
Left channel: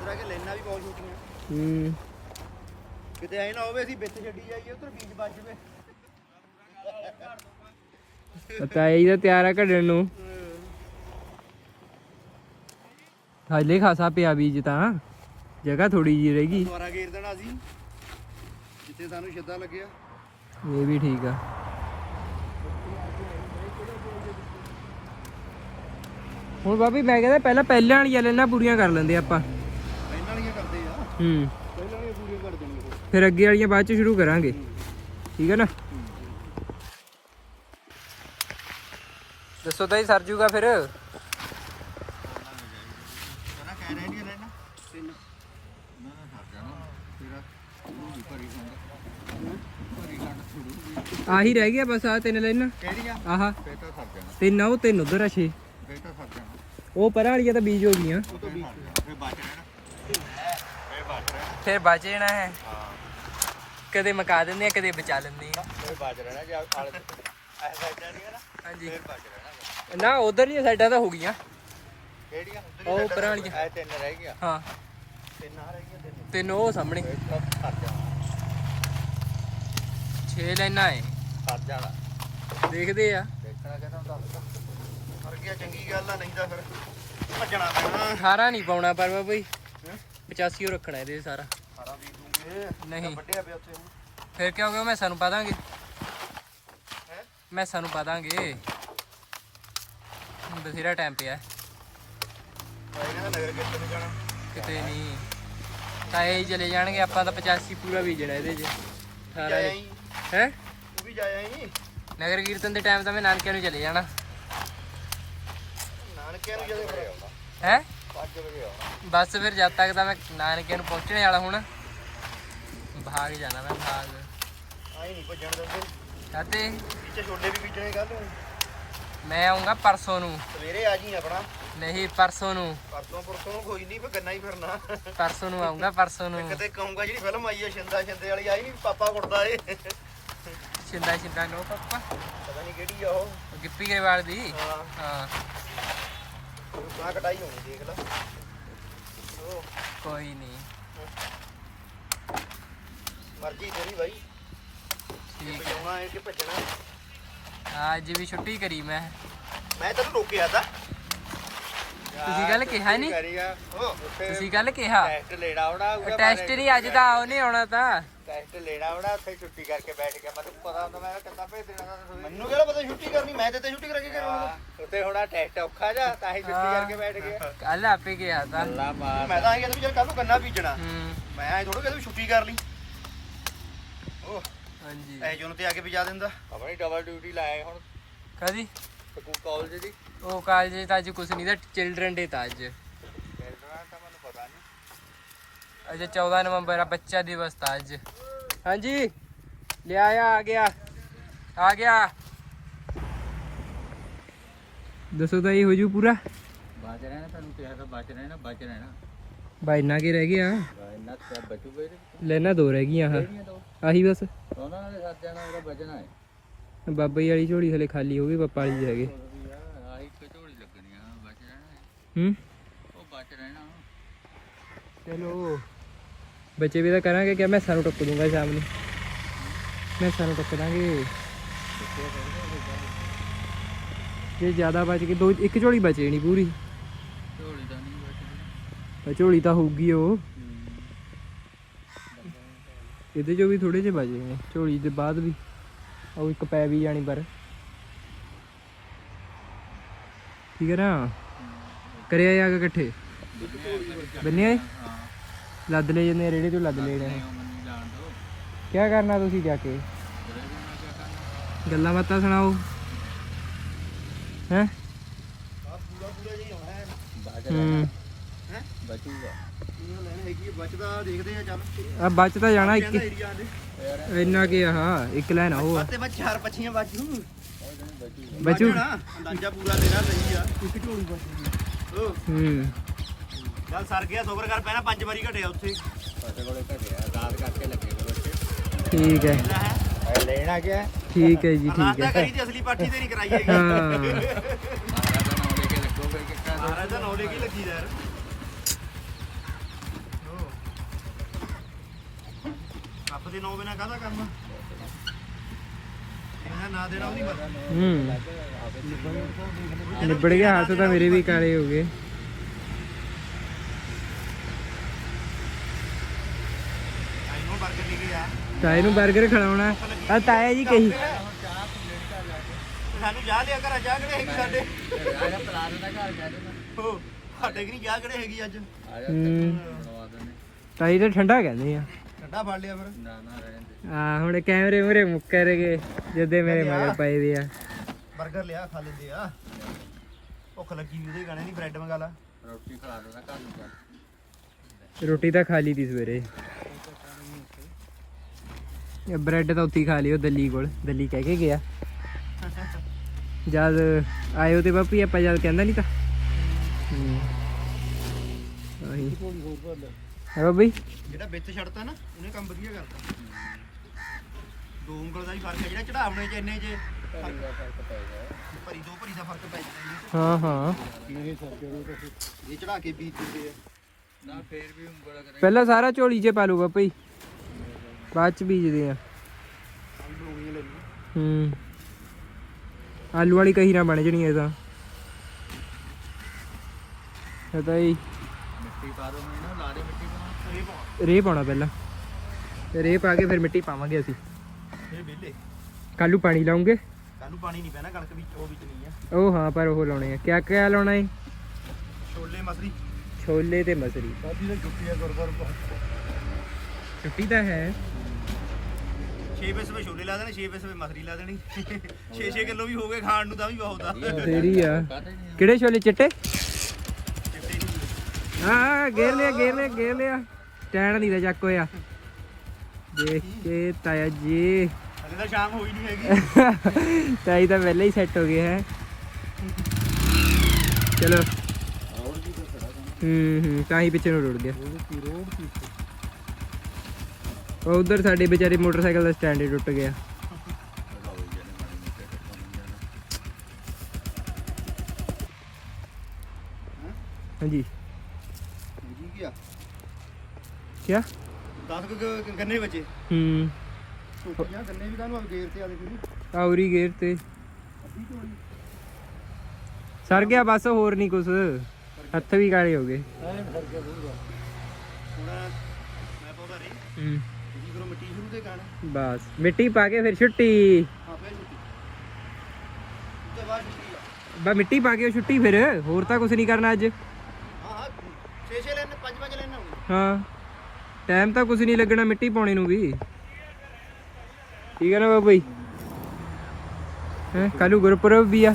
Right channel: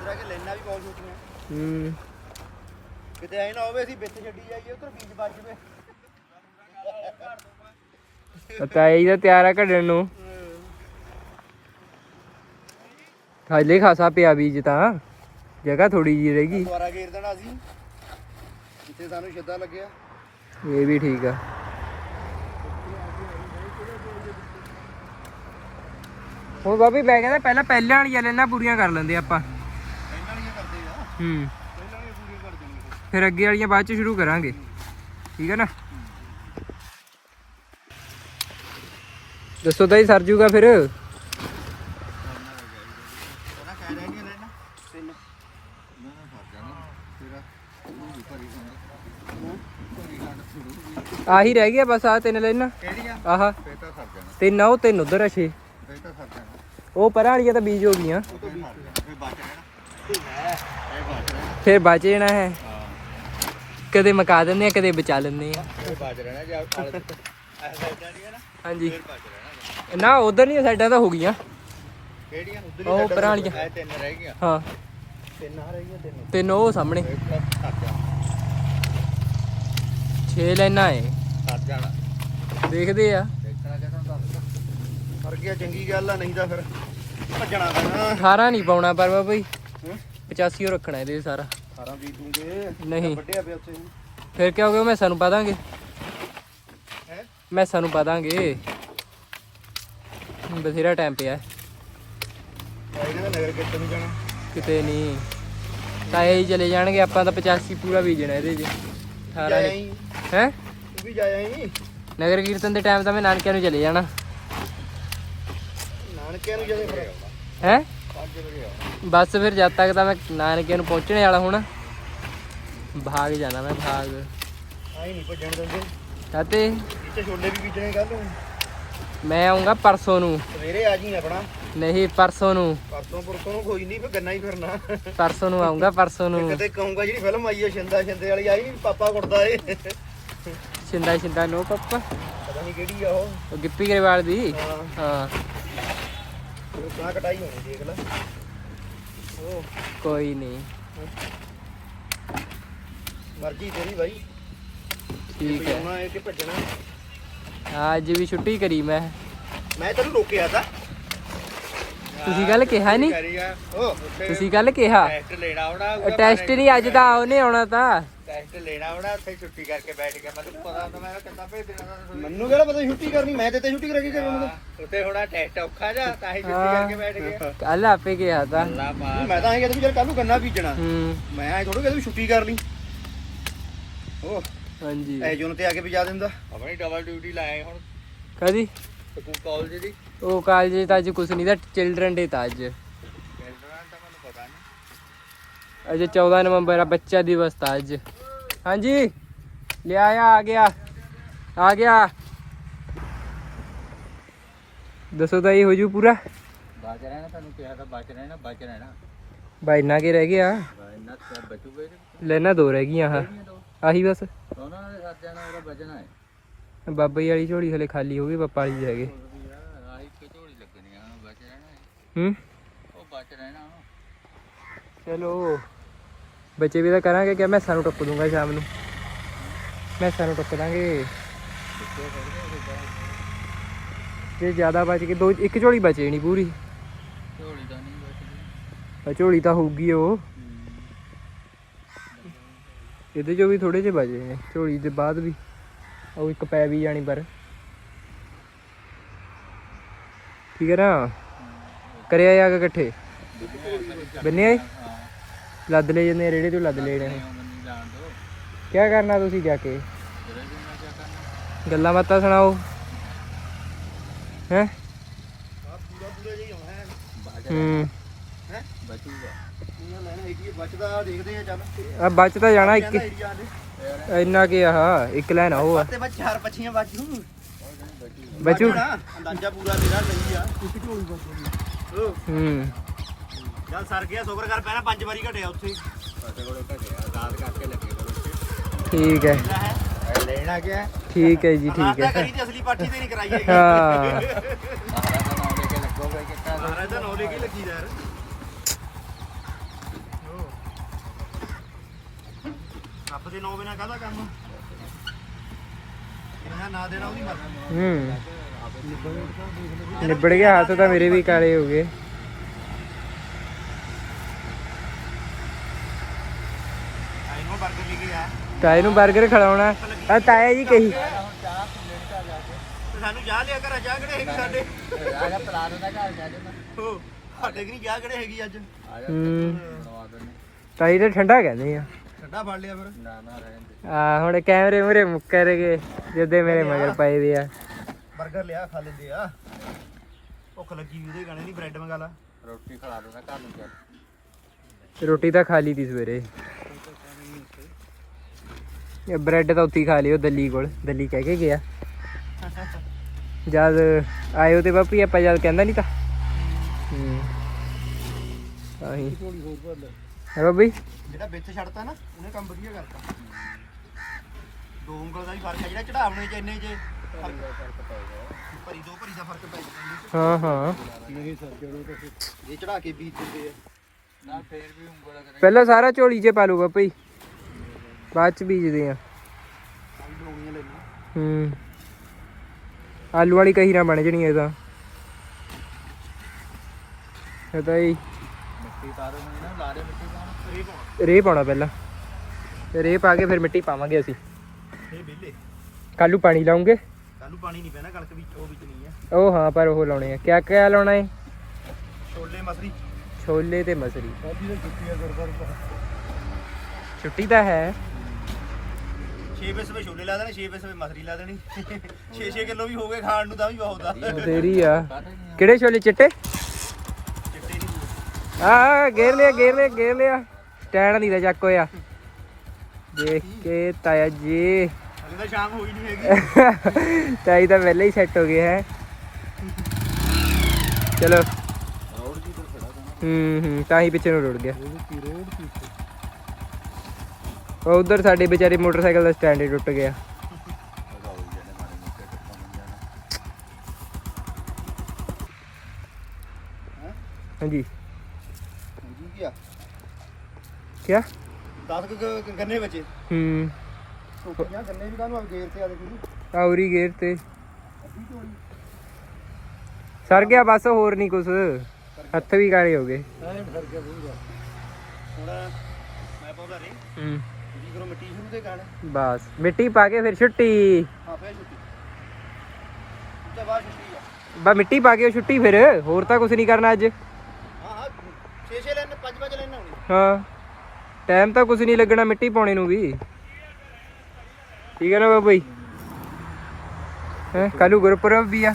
ਇਧਰ ਆ ਕੇ ਲੈਣਾ ਵੀ ਬਹੁਤ ਛੋਟੀਆਂ। ਹੂੰ। ਕਿਤੇ ਐ ਨਾ ਹੋਵੇ ਅਸੀਂ ਵਿੱਚ ਛੱਡੀ ਜਾਈਏ ਉਧਰ ਬੀਜ ਵੱਜ ਜਵੇ। ਪਤਾ ਇਹਦਾ ਤਿਆਰ ਆ ਕੱਢਣ ਨੂੰ। ਹਾਲੇ ਖਾਸਾ ਪਿਆ ਬੀਜ ਤਾਂ। ਜਗ੍ਹਾ ਥੋੜੀ ਜੀ ਰਹਿ ਗਈ। ਦੁਆਰਾ ਘੇਰ ਦੇਣਾ ਅਸੀਂ। ਜਿੱਥੇ ਸਾਨੂੰ ਛੱਦਾ ਲੱਗਿਆ। ਇਹ ਵੀ ਠੀਕ ਆ। ਹੁਣ ਬਾਬੀ ਮੈਂ ਕਹਿੰਦਾ ਪਹਿਲਾਂ ਪਹਿਲਾਂ ਵਾਲੀਆਂ ਲੈਣਾ ਪੂਰੀਆਂ ਕਰ ਲੈਂਦੇ ਆਪਾਂ। ਪਹਿਲਾਂ ਵਾਲੀਆਂ ਕਰਦੇ ਆ। ਹੂੰ। ਪਹਿਲਾਂ ਵਾਲੀਆਂ ਪੂਰੀਆਂ ਕਰਦੇ ਫਿਰ। ਅੱਗੇ ਵਾਲੀਆਂ ਬਾਅਦ ਚ ਸ਼ੁਰੂ ਕਰਾਂਗੇ। ਠੀਕ ਹੈ ਨਾ? ਦੱਸੋ ਤਾਂ ਹੀ ਸਰ ਜੂਗਾ ਫਿਰ ਕਹਿੰਦਾ ਕਹਿ ਰਹੇ ਨਹੀਂ ਲੈਣਾ ਤਿੰਨ ਨਾ ਨਾ ਸਰ ਜਾਣਾ ਤੇਰਾ ਉਹ ਵੀ ਭਰੀ ਖੰਡ ਭਰੀ ਖੰਡ ਸ਼ੁਰੂ ਆਹੀ ਰਹਿ ਗਿਆ ਬਸ ਆ ਤਿੰਨ ਲੈਣਾ। ਕਿਹੜੀਆਂ? ਆਹਾ। ਫੇਰ ਤਾਂ ਸਰ ਜਾਣਾ ਤਿੰਨ ਆ ਉਹ ਤਿੰਨ ਉਧਰ ਆ ਛੇ। ਫੇਰ ਤਾਂ ਸਰ ਜਾਣਾ ਉਹ ਪਰਾਂ ਵਾਲੀਆਂ ਤਾਂ ਬੀਜ ਹੋ ਗਈਆਂ। ਉਹ ਤਾਂ ਫੇਰ ਬਚ ਰਹਿਣਾ ਲੈ ਇਹ ਬਚ ਰਹਿਣਾ ਫਿਰ ਬਚ ਜਾਣਾ ਹੈ। ਹਾਂ। ਕਦੇ ਮਕਾ ਦਿੰਦੇ ਆ ਕਦੇ ਬਚਾ ਲੈਂਦੇ ਆ। ਇਹ ਬਚ ਰਹਿਣਾ ਜੇ ਆਹ ਐ ਬਚ ਜਾਣੀ ਹੈ ਨਾ। ਹਾਂਜੀ। ਫੇਰ ਬਚ ਰਹਿਣਾ ਨਾ ਉਧਰ ਨਹੀਂ ਸਾਈਡਾਂ ਤਾਂ ਹੋ ਗਈਆਂ। ਕਿਹੜੀਆਂ? ਉਹ ਪਰਾਂ ਵਾਲੀਆਂ। ਇਹ ਤਿੰਨ ਰਹਿ ਗਈਆਂ। ਹਾਂ। ਤਿੰਨ ਆ ਰਹੀਆਂ ਤਿੰਨ ਤਿੰਨ ਉਹ ਸਾਹਮਣੇ। ਫੇਰ ਤਾਂ ਸਰ ਜਾਣਾ 6 ਲਾਈਨਾਂ ਏ ਸਰ ਜਾਣਾ। ਦੇਖਦੇ ਆ। ਫਰ ਗਿਆ ਚੰਗੀ ਗੱਲ ਆ ਨਹੀਂ ਤਾਂ ਫਿਰ ਭੱਜਣਾ ਪੈਣਾ। 18 ਨਹੀਂ ਪਾਉਣਾ ਪਰ ਬਾਬਾ ਜੀ। 85 ਉਹ ਰੱਖਣਾ ਇਹਦੇ ਸਾਰਾ। 18 ਵੀ ਦੂੰਗੇ। ਨਹੀਂ। ਵੱਡਿਆ ਪਿਆ ਉੱਥੇ। ਫਿਰ ਕਿਆ ਹੋ ਗਿਆ ਮੈਂ ਸਾਨੂੰ ਪਾ ਦਾਂਗੇ। ਹੈ? ਮੈਂ ਸਾਨੂੰ ਪਾ ਦਾਂਗੇ। ਬਥੇਰਾ ਟਾਈਮ ਪਿਆ। ਨਗਰ ਨੂੰ ਜਾਣਾ। ਕਿਤੇ ਨਹੀਂ। ਤਾਏ ਹੀ ਚਲੇ ਜਾਣਗੇ ਆਪਾਂ ਤਾਂ 85 ਪੂਰਾ ਬੀਜਣਾ ਇਹਦੇ 'ਚ। ਹੀ? ਤੂੰ ਵੀ ਜਾਇਆ ਹੀ ਨਗਰ ਕੀਰਤਨ ਦੇ ਟਾਈਮ ਤਾਂ ਮੈਂ ਨਾਨਕਿਆਂ ਨੂੰ ਚਲੇ ਜਾਣਾ। ਨਾਨਕਿਆਂ ਨੂੰ ਫਿਰ? ਹੈ? 5 ਵਜੇ ਆ। ਬਸ ਫਿਰ ਜਦ ਤੱਕ ਤਾਂ ਮੈਂ ਨਾਨਕਿਆਂ ਨੂੰ ਪਹੁੰਚਣੇ ਵਾਲਾ ਹੁਣ। ਭਾਗ ਜਾਣਾ ਮੈਂ ਭਾਗ। ਆਈ ਨਹੀਂ ਭੱਜਣ ਦਿੰਦੇ। ਕਾਤੇ ਇੱਥੇ ਛੋਲੇ ਵੀ ਬੀਜਣੇ ਕੱਲ ਨੂੰ। ਮੈਂ ਆਉਂਗਾ ਪਰਸੋਂ ਨੂੰ। ਸਵੇਰੇ ਆ ਜੀ ਆਪਣਾ। ਨਹੀਂ ਪਰਸੋਂ ਨੂੰ। ਪਰਸੋਂ ਪਰਸੋਂ ਨੂੰ ਕੋਈ ਨਹੀਂ ਫਿਰ ਗੰਨਾ ਹੀ ਫਿਰਨਾ। ਪਰਸੋਂ ਨੂੰ ਆਉਂਗਾ ਪਰਸੋਂ ਨੂੰ। ਕਿਤੇ ਕਹੂੰਗਾ ਜਿਹੜੀ ਫਿਲਮ ਆਈ ਹੈ ਸ਼ਿੰਦਾ ਸ਼ਿੰਦੇ ਵਾਲੀ ਆਈ ਨਹੀਂ ਪਾਪਾ ਕੁੱਟਦਾ ਏ। ਸਿੰਦਾ ਸਿੰਦਾ ਨੋ ਪੱਪਾ। ਪਤਾ ਨਹੀਂ ਕਿਹੜੀ ਆ ਉਹ। ਉਹ ਗਿੱਪੀ ਗਰੇਵਾਲ ਦੀ। ਹਾਂ। ਹਾਂ। ਲੋਕਾਂ ਕਟਾਈ ਹੋਣੀ ਦੇਖ ਲੈ। ਉਹ ਕੋਈ ਨਹੀਂ ਮਰਜ਼ੀ ਤੇਰੀ ਬਾਈ। ਠੀਕ ਹੈ। ਆਉਣਾ ਹੈ ਕਿ ਭੱਜਣਾ ਅੱਜ ਵੀ ਛੁੱਟੀ ਕਰੀ ਮੈਂ। ਮੈਂ ਤੈਨੂੰ ਰੋਕਿਆ ਤਾਂ। ਤੁਸੀਂ ਕੱਲ ਕਿਹਾ ਨਹੀਂ ਕਰੀਆ ਉਹ ਤੁਸੀਂ ਕੱਲ ਕਿਹਾ? ਟੈਸਟ ਲੈਣਾ ਆਉਣਾ ਟੈਸਟ ਨਹੀਂ ਅੱਜ ਤਾਂ ਉਹਨੇ ਆਉਣਾ ਤਾਂ। ਟੈਸਟ ਲੈਣਾ ਆਉਣਾ ਉੱਥੇ ਛੁੱਟੀ ਕਰਕੇ ਬੈਠ ਗਿਆ। ਮੈਂ ਤੈਨੂੰ ਪਤਾ ਹੁੰਦਾ ਮੈਂ ਕਿੱਦਾਂ ਭੇਜਣਾ ਮੈਨੂੰ ਕਿਹੜਾ ਪਤਾ ਛੁੱਟੀ ਕਰਨੀ ਮੈਂ ਤੇ ਤੇ ਛੁੱਟੀ ਕਰਾ ਕੇ ਕਰਨਾ ਤਾਂ ਉੱਥੇ ਹੋਣਾ ਟੈਸਟ ਔਖਾ ਜਾ ਤਾਂ ਹੀ ਛੁੱਟੀ। ਕਰਕੇ ਬੈਠ ਗਿਆ। ਕੱਲ ਆਪੇ ਕਿਹਾ ਤਾਂ। ਅੱਲਾ ਨਹੀਂ, ਮੈਂ ਤਾਂ ਐਂ ਕਹਿੰਦਾ ਵੀ ਚੱਲ ਕੱਲ ਨੂੰ ਗੰਨਾ ਬੀਜਣਾ। ਹੂੰ। ਮੈਂ ਐਂ ਥੋੜਾ ਕਹਿੰਦਾ ਵੀ ਛੁੱਟੀ ਕਰ ਲਈ। ਉਹ ਹਾਂਜੀ। ਐ ਜੂਨ ਤੇ ਆ ਕੇ ਵੀ ਜਾ ਦਿੰਦਾ। ਆਪਣੀ ਡਬਲ ਡਿਊਟੀ ਲਾਏ ਹੁਣ। ਕਦੀ ਸਕੂਲ ਕਾਲਜ ਦੀ? ਉਹ ਕਾਲਜ ਤਾਂ ਅੱਜ ਕੁਛ ਨਹੀਂ ਦਾ ਚਿਲਡਰਨ ਡੇ ਤਾਂ ਅੱਜ। ਕੈਨੇਡਾ ਤਾਂ ਮੈਨੂੰ ਪਤਾ ਨਹੀਂ ਅੱਜ 14 ਨਵੰਬਰ ਆ ਬੱਚਾ ਦਿਵਸ ਤਾਂ ਅੱਜ। ਹਾਂਜੀ। ਲਿਆ ਆ ਆ ਗਿਆ। ਆ ਗਿਆ। ਦੱਸੋ ਤਾਂ ਇਹ ਹੋ ਜੂ ਪੂਰਾ? ਬਚ ਰਹਿਣਾ ਤੁਹਾਨੂੰ ਕਿਹਾ ਤਾਂ ਬਚ ਰਹਿਣਾ ਬਚ ਰਹਿਣਾ। ਬਾਈ ਨਾ ਕੇ ਰਹਿ ਗਿਆ? ਇੰਨਾ ਤਾਂ ਬਚੂਗਾ ਹੀ ਲੈਣਾ ਦੋ ਰਹਿ ਗਈਆਂ ਆਹ। ਆਹੀ ਬਸ। ਉਹਨਾਂ ਨੇ ਸੱਤ ਜਾਣਾ ਉਹਦਾ ਬਚਣਾ ਹੈ। ਬਾਬਾ ਜੀ ਵਾਲੀ ਝੋਲੀ ਹਲੇ ਖਾਲੀ ਹੋ ਗਈ ਪਾਪਾ ਵਾਲੀ 'ਚ ਹੈਗੇ ਆਹੀ ਕਿ ਝੋਲੀ ਲੱਗਣੀ ਆ ਬਚ ਰਹਿਣਾ ਹੈ। ਹੂੰ? ਉਹ ਬਚ ਰਹਿਣਾ ਚਲੋ। ਬੱਚੇ ਵੀ ਤਾਂ ਕਰਾਂਗੇ ਕਿ ਮੈਂ ਸਾਨੂੰ ਟੱਪ ਦੂੰਗਾ ਸ਼ਾਮ ਨੂੰ। ਮੈਂ ਸਾਨੂੰ ਟੱਪ ਦਾਂਗੇ। ਜੇ ਜ਼ਿਆਦਾ ਬਚ ਕੇ ਦੋ ਇੱਕ ਝੋਲੀ ਬਚੇ ਨਹੀਂ ਪੂਰੀ। ਝੋਲੀ ਤਾਂ ਨਹੀਂ ਬਚਦੀ। ਝੋਲੀ ਤਾਂ ਹੋਊਗੀ ਉਹ। ਇਹਦੇ ਚੋਂ ਵੀ ਥੋੜੇ ਜਿਹੇ ਬਚੇ ਨੇ ਝੋਲੀ ਦੇ ਬਾਅਦ ਵੀ। ਉਹ ਇੱਕ ਪੈ ਵੀ ਜਾਣੀ ਪਰ। ਠੀਕ ਹੈ ਨਾ? ਕਰਿਆ ਜਾ ਕੇ ਇਕੱਠੇ? ਬੰਨੇ ਆਏ ਹਾਂ ਲੱਦ ਲੈ ਆ ਰੇੜੇ ਤੋਂ ਲੱਦ ਲੈ ਜਾਣੇ ਉਹ ਮੈਨੂੰ ਜਾਣ ਦੋ। ਕੀ ਕਰਨਾ ਤੁਸੀਂ ਜਾ ਕੇ? ਤੇਰੇ ਵੀ ਮੈਂ ਕਿਆ ਕਰਨਾ? ਗੱਲਾਂ ਬਾਤਾਂ ਸੁਣਾਓ। ਹੈ? ਹੂੰ। ਹੈ? ਬਚੂਗਾ। ਇਹਨਾਂ ਲੈਣ ਹੈਗੀ ਆ, ਬਚਦਾ ਦੇਖਦੇ ਆ ਚੱਲ। ਆ ਬਚ ਤਾਂ ਜਾਣਾ ਇੱਕ। ਕਹਿੰਦਾ ਏਰੀਆ ਦੇ। ਇੰਨਾ ਕੀ ਆਹ ਇੱਕ ਲੈਣ ਆ ਉਹ ਆ। ਤੇ ਬਚ ਚਾਰ ਪੱਛੀਆਂ ਬਾਜੂ ਬਚੂ। ਅੰਦਾਜ਼ਾ ਪੂਰਾ ਤੇਰਾ ਸਹੀ ਆ। ਇੱਕ ਝੋਲੀ ਬਚੂਗੀ ਹੂੰ। ਚੱਲ ਸਰ ਗਿਆ ਸੋਬਰ ਕਰ ਪੈਣਾ ਪੰਜ ਵਾਰੀ ਘਟਿਆ ਉੱਥੇ। ਸਾਡੇ ਕੋਲੇ ਘਟਿਆ ਦਾਦ ਕਰਕੇ ਲੱਗੇ ਕੋਲ ਉੱਥੇ ਠੀਕ ਹੈ। ਲੈ ਲੈਣਾ ਗਿਆ। ਠੀਕ ਹੈ ਜੀ ਠੀਕ ਹੈ। ਕਰੀ ਤੇ ਅਸਲੀ ਪਾਠੀ ਤੇ ਨਹੀਂ ਕਰਾਈ ਹੈਗੀ। ਹਾਂ ਮਹਾਰਾਜ ਦਾ ਨਾਮ ਲੈ ਕੇ ਲੱਗੋਗੇ ਕਿ ਕਾ ਦੋ। ਮਹਾਰਾਜ ਦਾ ਨੌਲੇ ਕੀ ਲੱਗੀ ਯਾਰ। ਰੱਬ ਦੇ ਨੌ ਬਿਨਾ ਕਾਹਦਾ ਕੰਮ ਇਹਨਾਂ ਨਾ ਦੇਣਾ ਉਹਦੀ ਮਰਜ਼ੀ ਹੂੰ। ਨਿਬੜ ਗਿਆ ਹੱਥ ਤਾਂ ਮੇਰੇ ਵੀ ਕਾਲੇ ਹੋ ਗਏ। ਨੂੰ 버ਗਰ ਲੈ ਕੇ ਤਾਏ ਨੂੰ 버ਗਰ ਜੀ ਕਹੀ। ਤਾਈ ਤੇ ਠੰਡਾ ਕਹਿੰਦੇ ਆ। ਨਾ ਨਾ ਰਹਿੰਦੇ ਆ ਹੁਣ ਕੈਮਰੇ ਮੂਰੇ ਮੁੱਕਰ ਗਏ ਮੇਰੇ ਮਗਰ ਪਏ ਦੇ ਆ। 버ਗਰ ਲਿਆ ਖਾ ਲੈਂਦੇ ਆ। ਭੁੱਖ ਲੱਗੀ ਉਹਦੇ ਗਾਣੇ ਨਹੀਂ ਬ੍ਰੈਡ ਮੰਗਾ ਲਾ। ਰੋਟੀ ਖਿਲਾ ਦੇਣਾ ਘਰ ਨੂੰ ਚੱਲ। ਰੋਟੀ ਤਾਂ ਖਾ ਲਈ ਦੀ ਸਵੇਰੇ। ਇਹ ਬ੍ਰੈਡ ਤਾਂ ਉੱਥੇ ਹੀ ਖਾ ਲਿਓ ਦਿੱਲੀ ਕੋਲ ਦਿੱਲੀ ਕਹਿ ਕੇ ਗਿਆ। ਜਦ ਆਇਓ ਤੇ ਬਾਪੀ ਆਪਾਂ ਜਦ ਕਹਿੰਦਾ ਨਹੀਂ ਤਾਂ। ਹੂੰ। ਆਹੀ। ਹੈ ਬਾਬੀ ਜਿਹੜਾ ਵਿੱਚ ਛੱਡਤਾ ਨਾ ਉਹਨੇ ਕੰਮ ਵਧੀਆ ਕਰਤਾ। ਦੋ ਉਂਗਲ ਦਾ ਹੀ ਫ਼ਰਕ ਹੈ ਜਿਹੜਾ ਚੜਾਵਣੇ ਚ ਇੰਨੇ ਚ ਫ਼ਰਕ। ਭਰੀ ਦੋ ਭਰੀ ਦਾ ਫ਼ਰਕ ਪੈ ਜਾਂਦਾ। ਹਾਂ ਹਾਂ। ਇਹ ਚੜਾ ਕੇ ਬੀਜ ਦਿੰਦੇ ਆ ਨਾ ਫੇਰ ਵੀ ਉਂਗਲ ਕਰੇ। ਪਹਿਲਾਂ ਸਾਰਾ ਝੋਲੀ 'ਚ ਪਾ ਲੂ ਬਾਪੀ ਬਾਅਦ 'ਚ ਬੀਜਦੇ ਆ। ਹੂੰ। ਆਲੂ ਵਾਲੀ ਕਹੀ ਨਾ ਬਣ ਜਣੀ ਇਹ ਤਾਂ। ਇਹ ਤਾਂ ਹੀ ਮਿੱਟੀ ਮੈਨੂੰ ਨਾ ਲਾਰੇ ਮਿੱਟੀ ਪਾਉਣ। ਇਹ ਪਾਉਣਾ। ਰੇਹ ਪਾਉਣਾ ਪਹਿਲਾਂ। ਤੇ ਰੇਹ ਪਾ ਕੇ ਫਿਰ ਮਿੱਟੀ ਪਾਵਾਂਗੇ ਅਸੀਂ। ਇਹ ਕੱਲੂ ਪਾਣੀ ਲਾਉਂਗੇ। ਕੱਲ ਪਾਣੀ ਨਹੀਂ ਪੈਣਾ ਕਣਕ ਵਿੱਚ ਉਹ ਵਿੱਚ ਨਹੀਂ ਆ। ਉਹ ਹਾਂ ਪਰ ਉਹ ਲਾਉਣੇ ਆ। ਕਿਆ ਕਿਆ ਲਾਉਣਾ ਏ? ਛੋਲੇ ਮਸਰੀ। ਛੋਲੇ ਤੇ ਮਸਰੀ। ਛੁੱਟੀ ਤਾਂ ਹੈ। 6 ਪੈਸੇ ਵੇ ਛੋਲੇ ਲਾ ਦੇਣੇ 6 ਪੈਸੇ ਵੇ ਮਸਰੀ ਲਾ ਦੇਣੀ। 6-6 ਕਿਲੋ ਵੀ ਹੋ ਗਏ ਖਾਣ ਨੂੰ ਤਾਂ ਵੀ ਬਹੁਤ ਆ। ਤੇਰੀ ਆ। ਕਿਹੜੇ ਛੋਲੇ ਚਿੱਟੇ? ਚਿੱਟੇ ਨਹੀਂ ਆ ਗੇਰ ਲਿਆ ਗੇਰ ਲਿਆ ਗੇਰ ਲਿਆ। ਸਟੈਂਡ ਨਹੀਂ ਦਾ ਚੱਕ ਹੋਇਆ। ਦੇਖ ਕੇ ਤਾਇਆ ਜੀ। ਹਲੇ ਤਾਂ ਸ਼ਾਮ ਹੋਈ ਨਹੀਂ ਹੈਗੀ। ਤਾਈ ਤਾਂ ਪਹਿਲਾਂ ਹੀ ਸੈੱਟ ਹੋ ਗਿਆ ਹੈ। ਚਲੋ। ਹੂੰ ਹੂੰ ਤਾਂ ਹੀ ਪਿੱਛੇ ਨੂੰ ਰੁੜ ਗਿਆ। ਉਹ ਉਧਰ ਸਾਡੇ ਵਿਚਾਰੇ ਮੋਟਰਸਾਈਕਲ ਦਾ ਸਟੈਂਡ ਹੀ ਟੁੱਟ ਗਿਆ। ਹਾਂਜੀ। ਜੀ ਕੀ ਆ ਕਿਆ 10 ਗੰਨੇ ਬਚੇ। ਹੂੰ। ਟੋਕੀਆਂ ਗੰਨੇ ਵੀ ਕਾਹਨੂੰ ਆ ਗੇਰ ਤੇ ਆ ਦੇਖੀ ਆਉਰੀ ਗੇਰ ਤੇ। ਅੱਧੀ ਝੋਲੀ ਸਰ ਗਿਆ ਬਸ ਹੋਰ ਨਹੀਂ ਕੁਛ। ਹੱਥ ਵੀ ਕਾਲੇ ਹੋ ਗਏ। ਹੁਣ ਮੈਂ ਪਾਉਂਦਾ ਰੇ। ਹੂੰ। ਕਰੋ ਮਿੱਟੀ ਸ਼ੁਰੂ ਤੇ ਗਾਣਾ ਬਸ ਮਿੱਟੀ ਪਾ ਕੇ ਫਿਰ ਛੁੱਟੀ। ਹਾਂ ਫੇਰ ਛੁੱਟੀ। ਉਸ ਤੋਂ ਬਾਅਦ ਛੁੱਟੀ ਆ। ਬਾ ਮਿੱਟੀ ਪਾ ਕੇ ਉਹ ਛੁੱਟੀ ਫਿਰ ਹੋਰ ਤਾਂ ਕੁਛ ਨਹੀਂ ਕਰਨਾ ਅੱਜ। ਹਾਂ ਹਾਂ 6-6 ਲੈਣ 5-5 ਲੈਣ ਆਉਣੀ ਹਾਂ। ਟਾਈਮ ਤਾਂ ਕੁਛ ਨਹੀਂ ਲੱਗਣਾ ਮਿੱਟੀ ਪਾਉਣੇ ਨੂੰ ਵੀ। ਠੀਕ ਹੈ ਨਾ ਬਾਬਾ ਜੀ? ਹੈ ਕੱਲੂ ਗੁਰਪੁਰਬ ਵੀ ਆ।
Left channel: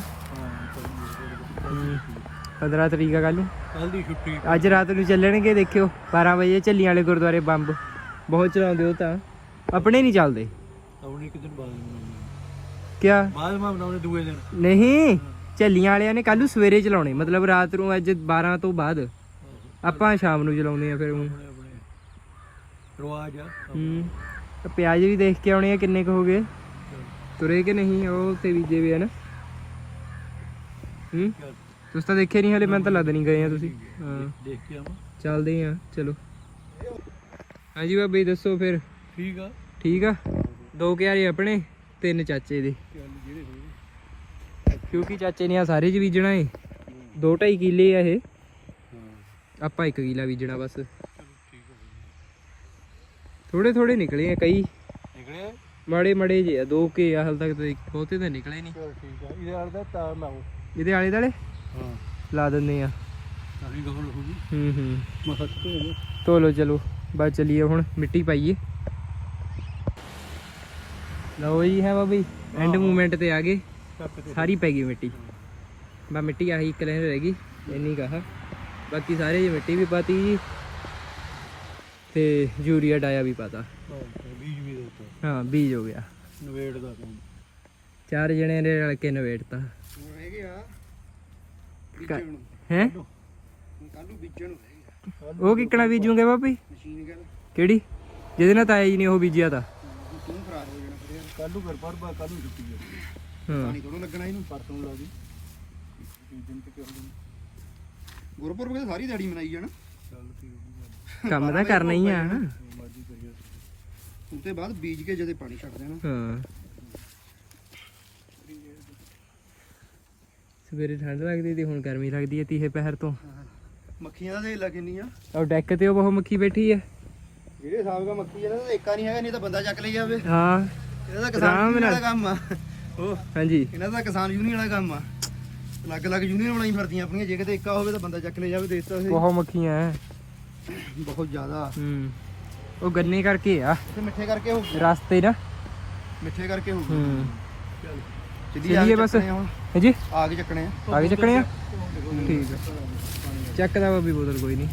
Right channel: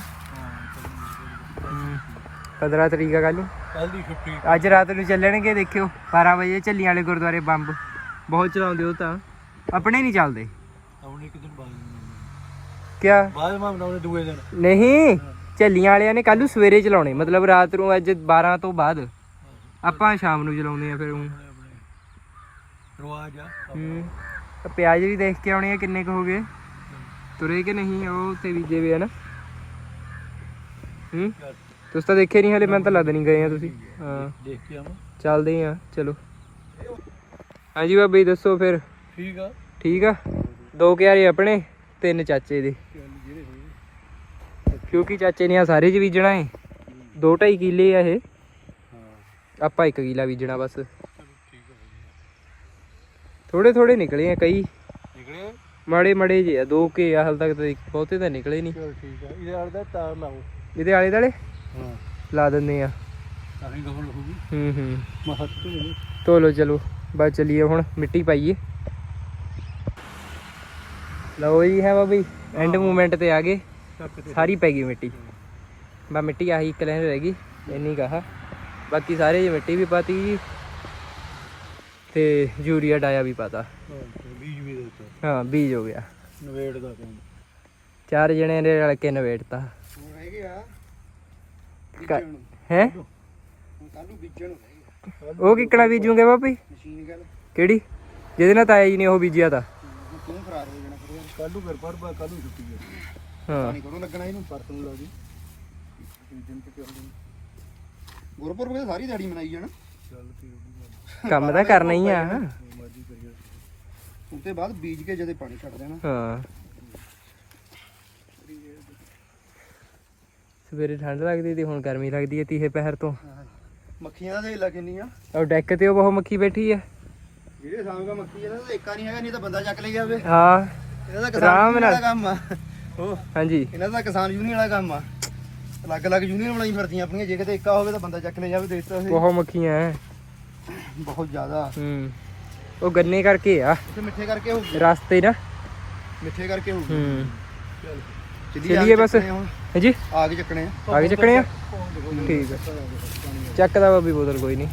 15 ਤਰੀਕ ਆ ਕੱਲੂ ਕੱਲ ਦੀ ਛੁੱਟੀ। ਅੱਜ ਰਾਤ ਨੂੰ ਚੱਲਣਗੇ ਦੇਖਿਓ 12 ਵਜੇ ਝੱਲੀਆਂ ਵਾਲੇ ਗੁਰਦੁਆਰੇ ਬੰਬ। ਬਹੁਤ ਚਲਾਉਂਦੇ ਉਹ ਤਾਂ। ਆਪਣੇ ਨਹੀਂ ਚੱਲਦੇ। ਆਉਣੀ ਇੱਕ ਦਿਨ ਬਾਅਦ ਕਿਆ? ਬਾਅਦ ਮਾ ਬਣਾਉਣੇ ਦੂਏ ਦਿਨ। ਨਹੀਂ ਝੱਲੀਆਂ ਵਾਲਿਆਂ ਨੇ ਕੱਲੂ ਸਵੇਰੇ ਚਲਾਉਣੇ। ਮਤਲਬ ਰਾਤ ਨੂੰ ਅੱਜ 12 ਤੋਂ ਬਾਅਦ। ਆਪਾਂ ਸ਼ਾਮ ਨੂੰ ਚਲਾਉਂਦੇ ਆ ਫਿਰ ਹੁਣ। ਰਵਾਜ ਆ। ਹੂੰ। ਤਾਂ ਪਿਆਜ਼ ਵੀ ਦੇਖ ਕੇ ਆਉਣੇ ਆ ਕਿੰਨੇ ਕੁ ਹੋ ਗਏ। ਤੁਰੇ ਕਿ ਨਹੀਂ ਉਹ ਉੱਥੇ ਬੀਜੇ ਵੇ ਆ ਨਾ। ਹੂੰ। ਤੁਸੀਂ ਤਾਂ ਦੇਖੇ ਨਹੀਂ ਹਲੇ ਮੈਂ ਤਾਂ ਲੱਦ ਨਹੀਂ ਗਏ ਆ ਤੁਸੀਂ। ਹਾਂ ਦੇਖ ਕੇ ਆਵਾਂ। ਚੱਲਦੇ ਆ ਚਲੋ। ਹਾਂਜੀ ਬਾਬਾ ਜੀ ਦੱਸੋ ਫਿਰ। ਠੀਕ ਆ। ਠੀਕ ਆ? ਦੋ ਕਿਆਰੇ ਆਪਣੇ ਤਿੰਨ ਚਾਚੇ ਦੇ। ਕਿਉਂਕਿ ਚਾਚੇ ਨੇ ਆ ਸਾਰੇ ਚ ਬੀਜਣਾ ਏ। ਦੋ ਢਾਈ ਕਿੱਲੇ ਆ ਇਹ। ਆਪਾਂ ਇੱਕ ਕਿੱਲਾ ਬੀਜਣਾ ਬਸ। ਥੋੜੇ ਥੋੜੇ ਨਿਕਲੇ ਆ ਕਈ। ਨਿਕਲੇ ਮਾੜੇ ਮਾੜੇ ਜੇ ਆ ਦੋ ਕੇ ਆ ਹਾਲ ਤੱਕ ਤਾਂ ਬਹੁਤੇ ਤਾਂ ਨਿਕਲੇ ਨਹੀਂ ਠੀਕ ਆ। ਇਹਦੇ ਨਾਲ ਦਾ ਤਾਰ ਲਾਓ। ਇਹਦੇ ਆਲੇ ਦਾਲੇ ਹਾਂ। ਲਾ ਦਿੰਦੇ ਆ। ਹੀ ਗਹਲ ਹੋਊਗੀ ਹੂੰ। ਹੂੰ ਮਹੱਤਵ ਤੋਲੋ ਚਲੋ। ਬਸ ਚਲੀਏ ਹੁਣ ਮਿੱਟੀ ਪਾਈਏ। ਲਓ ਜੀ ਹੈ ਬਾਬੀ ਐਂਡ ਮੂਵਮੈਂਟ ਤੇ ਆ ਗਏ। ਸਾਰੀ ਪੈ ਗਈ ਮਿੱਟੀ। ਬਾ ਮਿੱਟੀ ਆਹੀ ਇੱਕ ਲੈਣ ਰਹਿ ਗਈ ਇੰਨੀ ਕਹਾ ਬਾਕੀ ਸਾਰੇ ਜੀ ਮਿੱਟੀ ਵੀ ਪਾਤੀ ਜੀ ਤੇ ਯੂਰੀਆ ਡਾਇਆ ਵੀ ਪਾਤਾ। ਬੀਜ ਵੀ ਦਿੱਤੇ। ਹਾਂ ਬੀਜ ਹੋ ਗਿਆ। ਨਵੇੜ ਦਾ ਕੰਮ। ਚਾਰ ਜਣੇ ਨੇ ਰਲ ਕੇ ਨਵੇੜਤਾ। ਬੀਜਣ। ਨੂੰ ਹੈ ਕੱਲ ਬੀਜਣ ਉਹ ਕਿੱਕਣਾ ਬੀਜੂਗੇ ਬਾਬੀ ਮਸ਼ੀਨ ਗੱਲ। ਕਿਹੜੀ? ਜਿਹਦੇ ਨਾਲ ਤਾਇਆ ਜੀ ਨੇ ਉਹ ਬੀਜਿਆ ਤਾਂ। ਹੁਣ ਤੂੰ ਖਰਾਬ ਹੋ ਜਾਣਾ ਫਿਰ ਯਾਰ। ਕੱਲ ਨੂੰ ਘਰ ਪਰ ਬਾ ਕੱਲ ਨੂੰ ਛੁੱਟੀ ਹੈ। ਹਾਂ ਪਾਣੀ ਕਦੋਂ ਲੱਗਣਾ ਇਹਨੂੰ ਪਰਸੋਂ ਨੂੰ ਲਾਉਗੀ ਦਿਨ ਤੇ ਕਰ ਲਈ ਗੁਰਪੁਰਬ ਤੇ ਸਾਰੀ ਦਿਹਾੜੀ ਮਨਾਈ ਜਾਣਾ। ਚੱਲ ਠੀਕ ਕੰਮ ਤਾਂ ਕਰਨਾ ਹੀ ਆ ਮਰਜ਼ੀ ਕਰੀਏ। ਉਸ ਤੋਂ ਬਾਅਦ ਬੀਜ ਕੇ ਜਦੇ ਪਾਣੀ ਛੱਡ ਦੇਣਾ। ਹਾਂ। ਸਵੇਰੇ ਠੰਡ ਲੱਗਦੀ ਤੇ ਹੁਣ ਗਰਮੀ ਲੱਗਦੀ ਹੈ ਤੀਹੇ ਪਹਿਰ ਤੋਂ। ਮੱਖੀਆਂ ਦਾ ਦੇ ਲਾ ਕਿੰਨੀਆਂ ਉਹ ਡੈਕ ਤੇ ਉਹ ਬਹੁਤ ਮੱਖੀ ਬੈਠੀ ਹੈ ਜਿਹੜੇ ਦਾ ਮੱਖੀ ਇਹਨਾਂ ਦਾ ਏਕਾ ਨਹੀਂ ਹੈਗਾ ਨਹੀਂ ਤਾਂ ਬੰਦਾ ਚੱਕ ਲਈ ਜਾਵੇ। ਹਾਂ। ਇਹਨਾਂ ਦਾ ਕਿਸਾਨ। ਵਾਲਾ ਕੰਮ ਆ। ਉਹ ਹਾਂਜੀ। ਇਹਨਾਂ ਦਾ ਕਿਸਾਨ ਯੂਨੀਅਨ ਵਾਲਾ ਕੰਮ ਆ। ਅਲੱਗ-ਅਲੱਗ ਯੂਨੀਅਨ ਬਣਾਈ ਫਿਰਦੀਆਂ ਆਪਣੀਆਂ ਜੇ ਕਿਤੇ ਏਕਾ ਹੋਵੇ ਤਾਂ ਬੰਦਾ ਚੱਕ ਲੈ ਜਾਵੇ ਦੇਖ ਤਾਂ। ਬਹੁਤ ਮੱਖੀਆਂ ਹੈ ਬਹੁਤ ਜ਼ਿਆਦਾ। ਹੂੰ। ਉਹ ਗੰਨੇ ਕਰਕੇ ਆ। ਇੱਥੇ ਮਿੱਠੇ ਕਰਕੇ ਹੋਊਗੀ। ਰਸਤੇ ਨਾ। ਮਿੱਠੇ ਕਰਕੇ ਹੋਊਗੀ। ਹੂੰ। ਚੱਲ। ਚੱਲੀਏ ਬਸ। ਚੱਕਣੇ ਹੁਣ। ਹੈ ਜੀ ਆ ਕੇ ਚੱਕਣੇ ਆ। ਆਗੇ ਚੱਕਣੇ ਆ? ਠੀਕ ਆ। ਚੱਕਦਾ ਬਾਬੀ ਬੋਤਲ ਕੋਈ ਨਹੀਂ।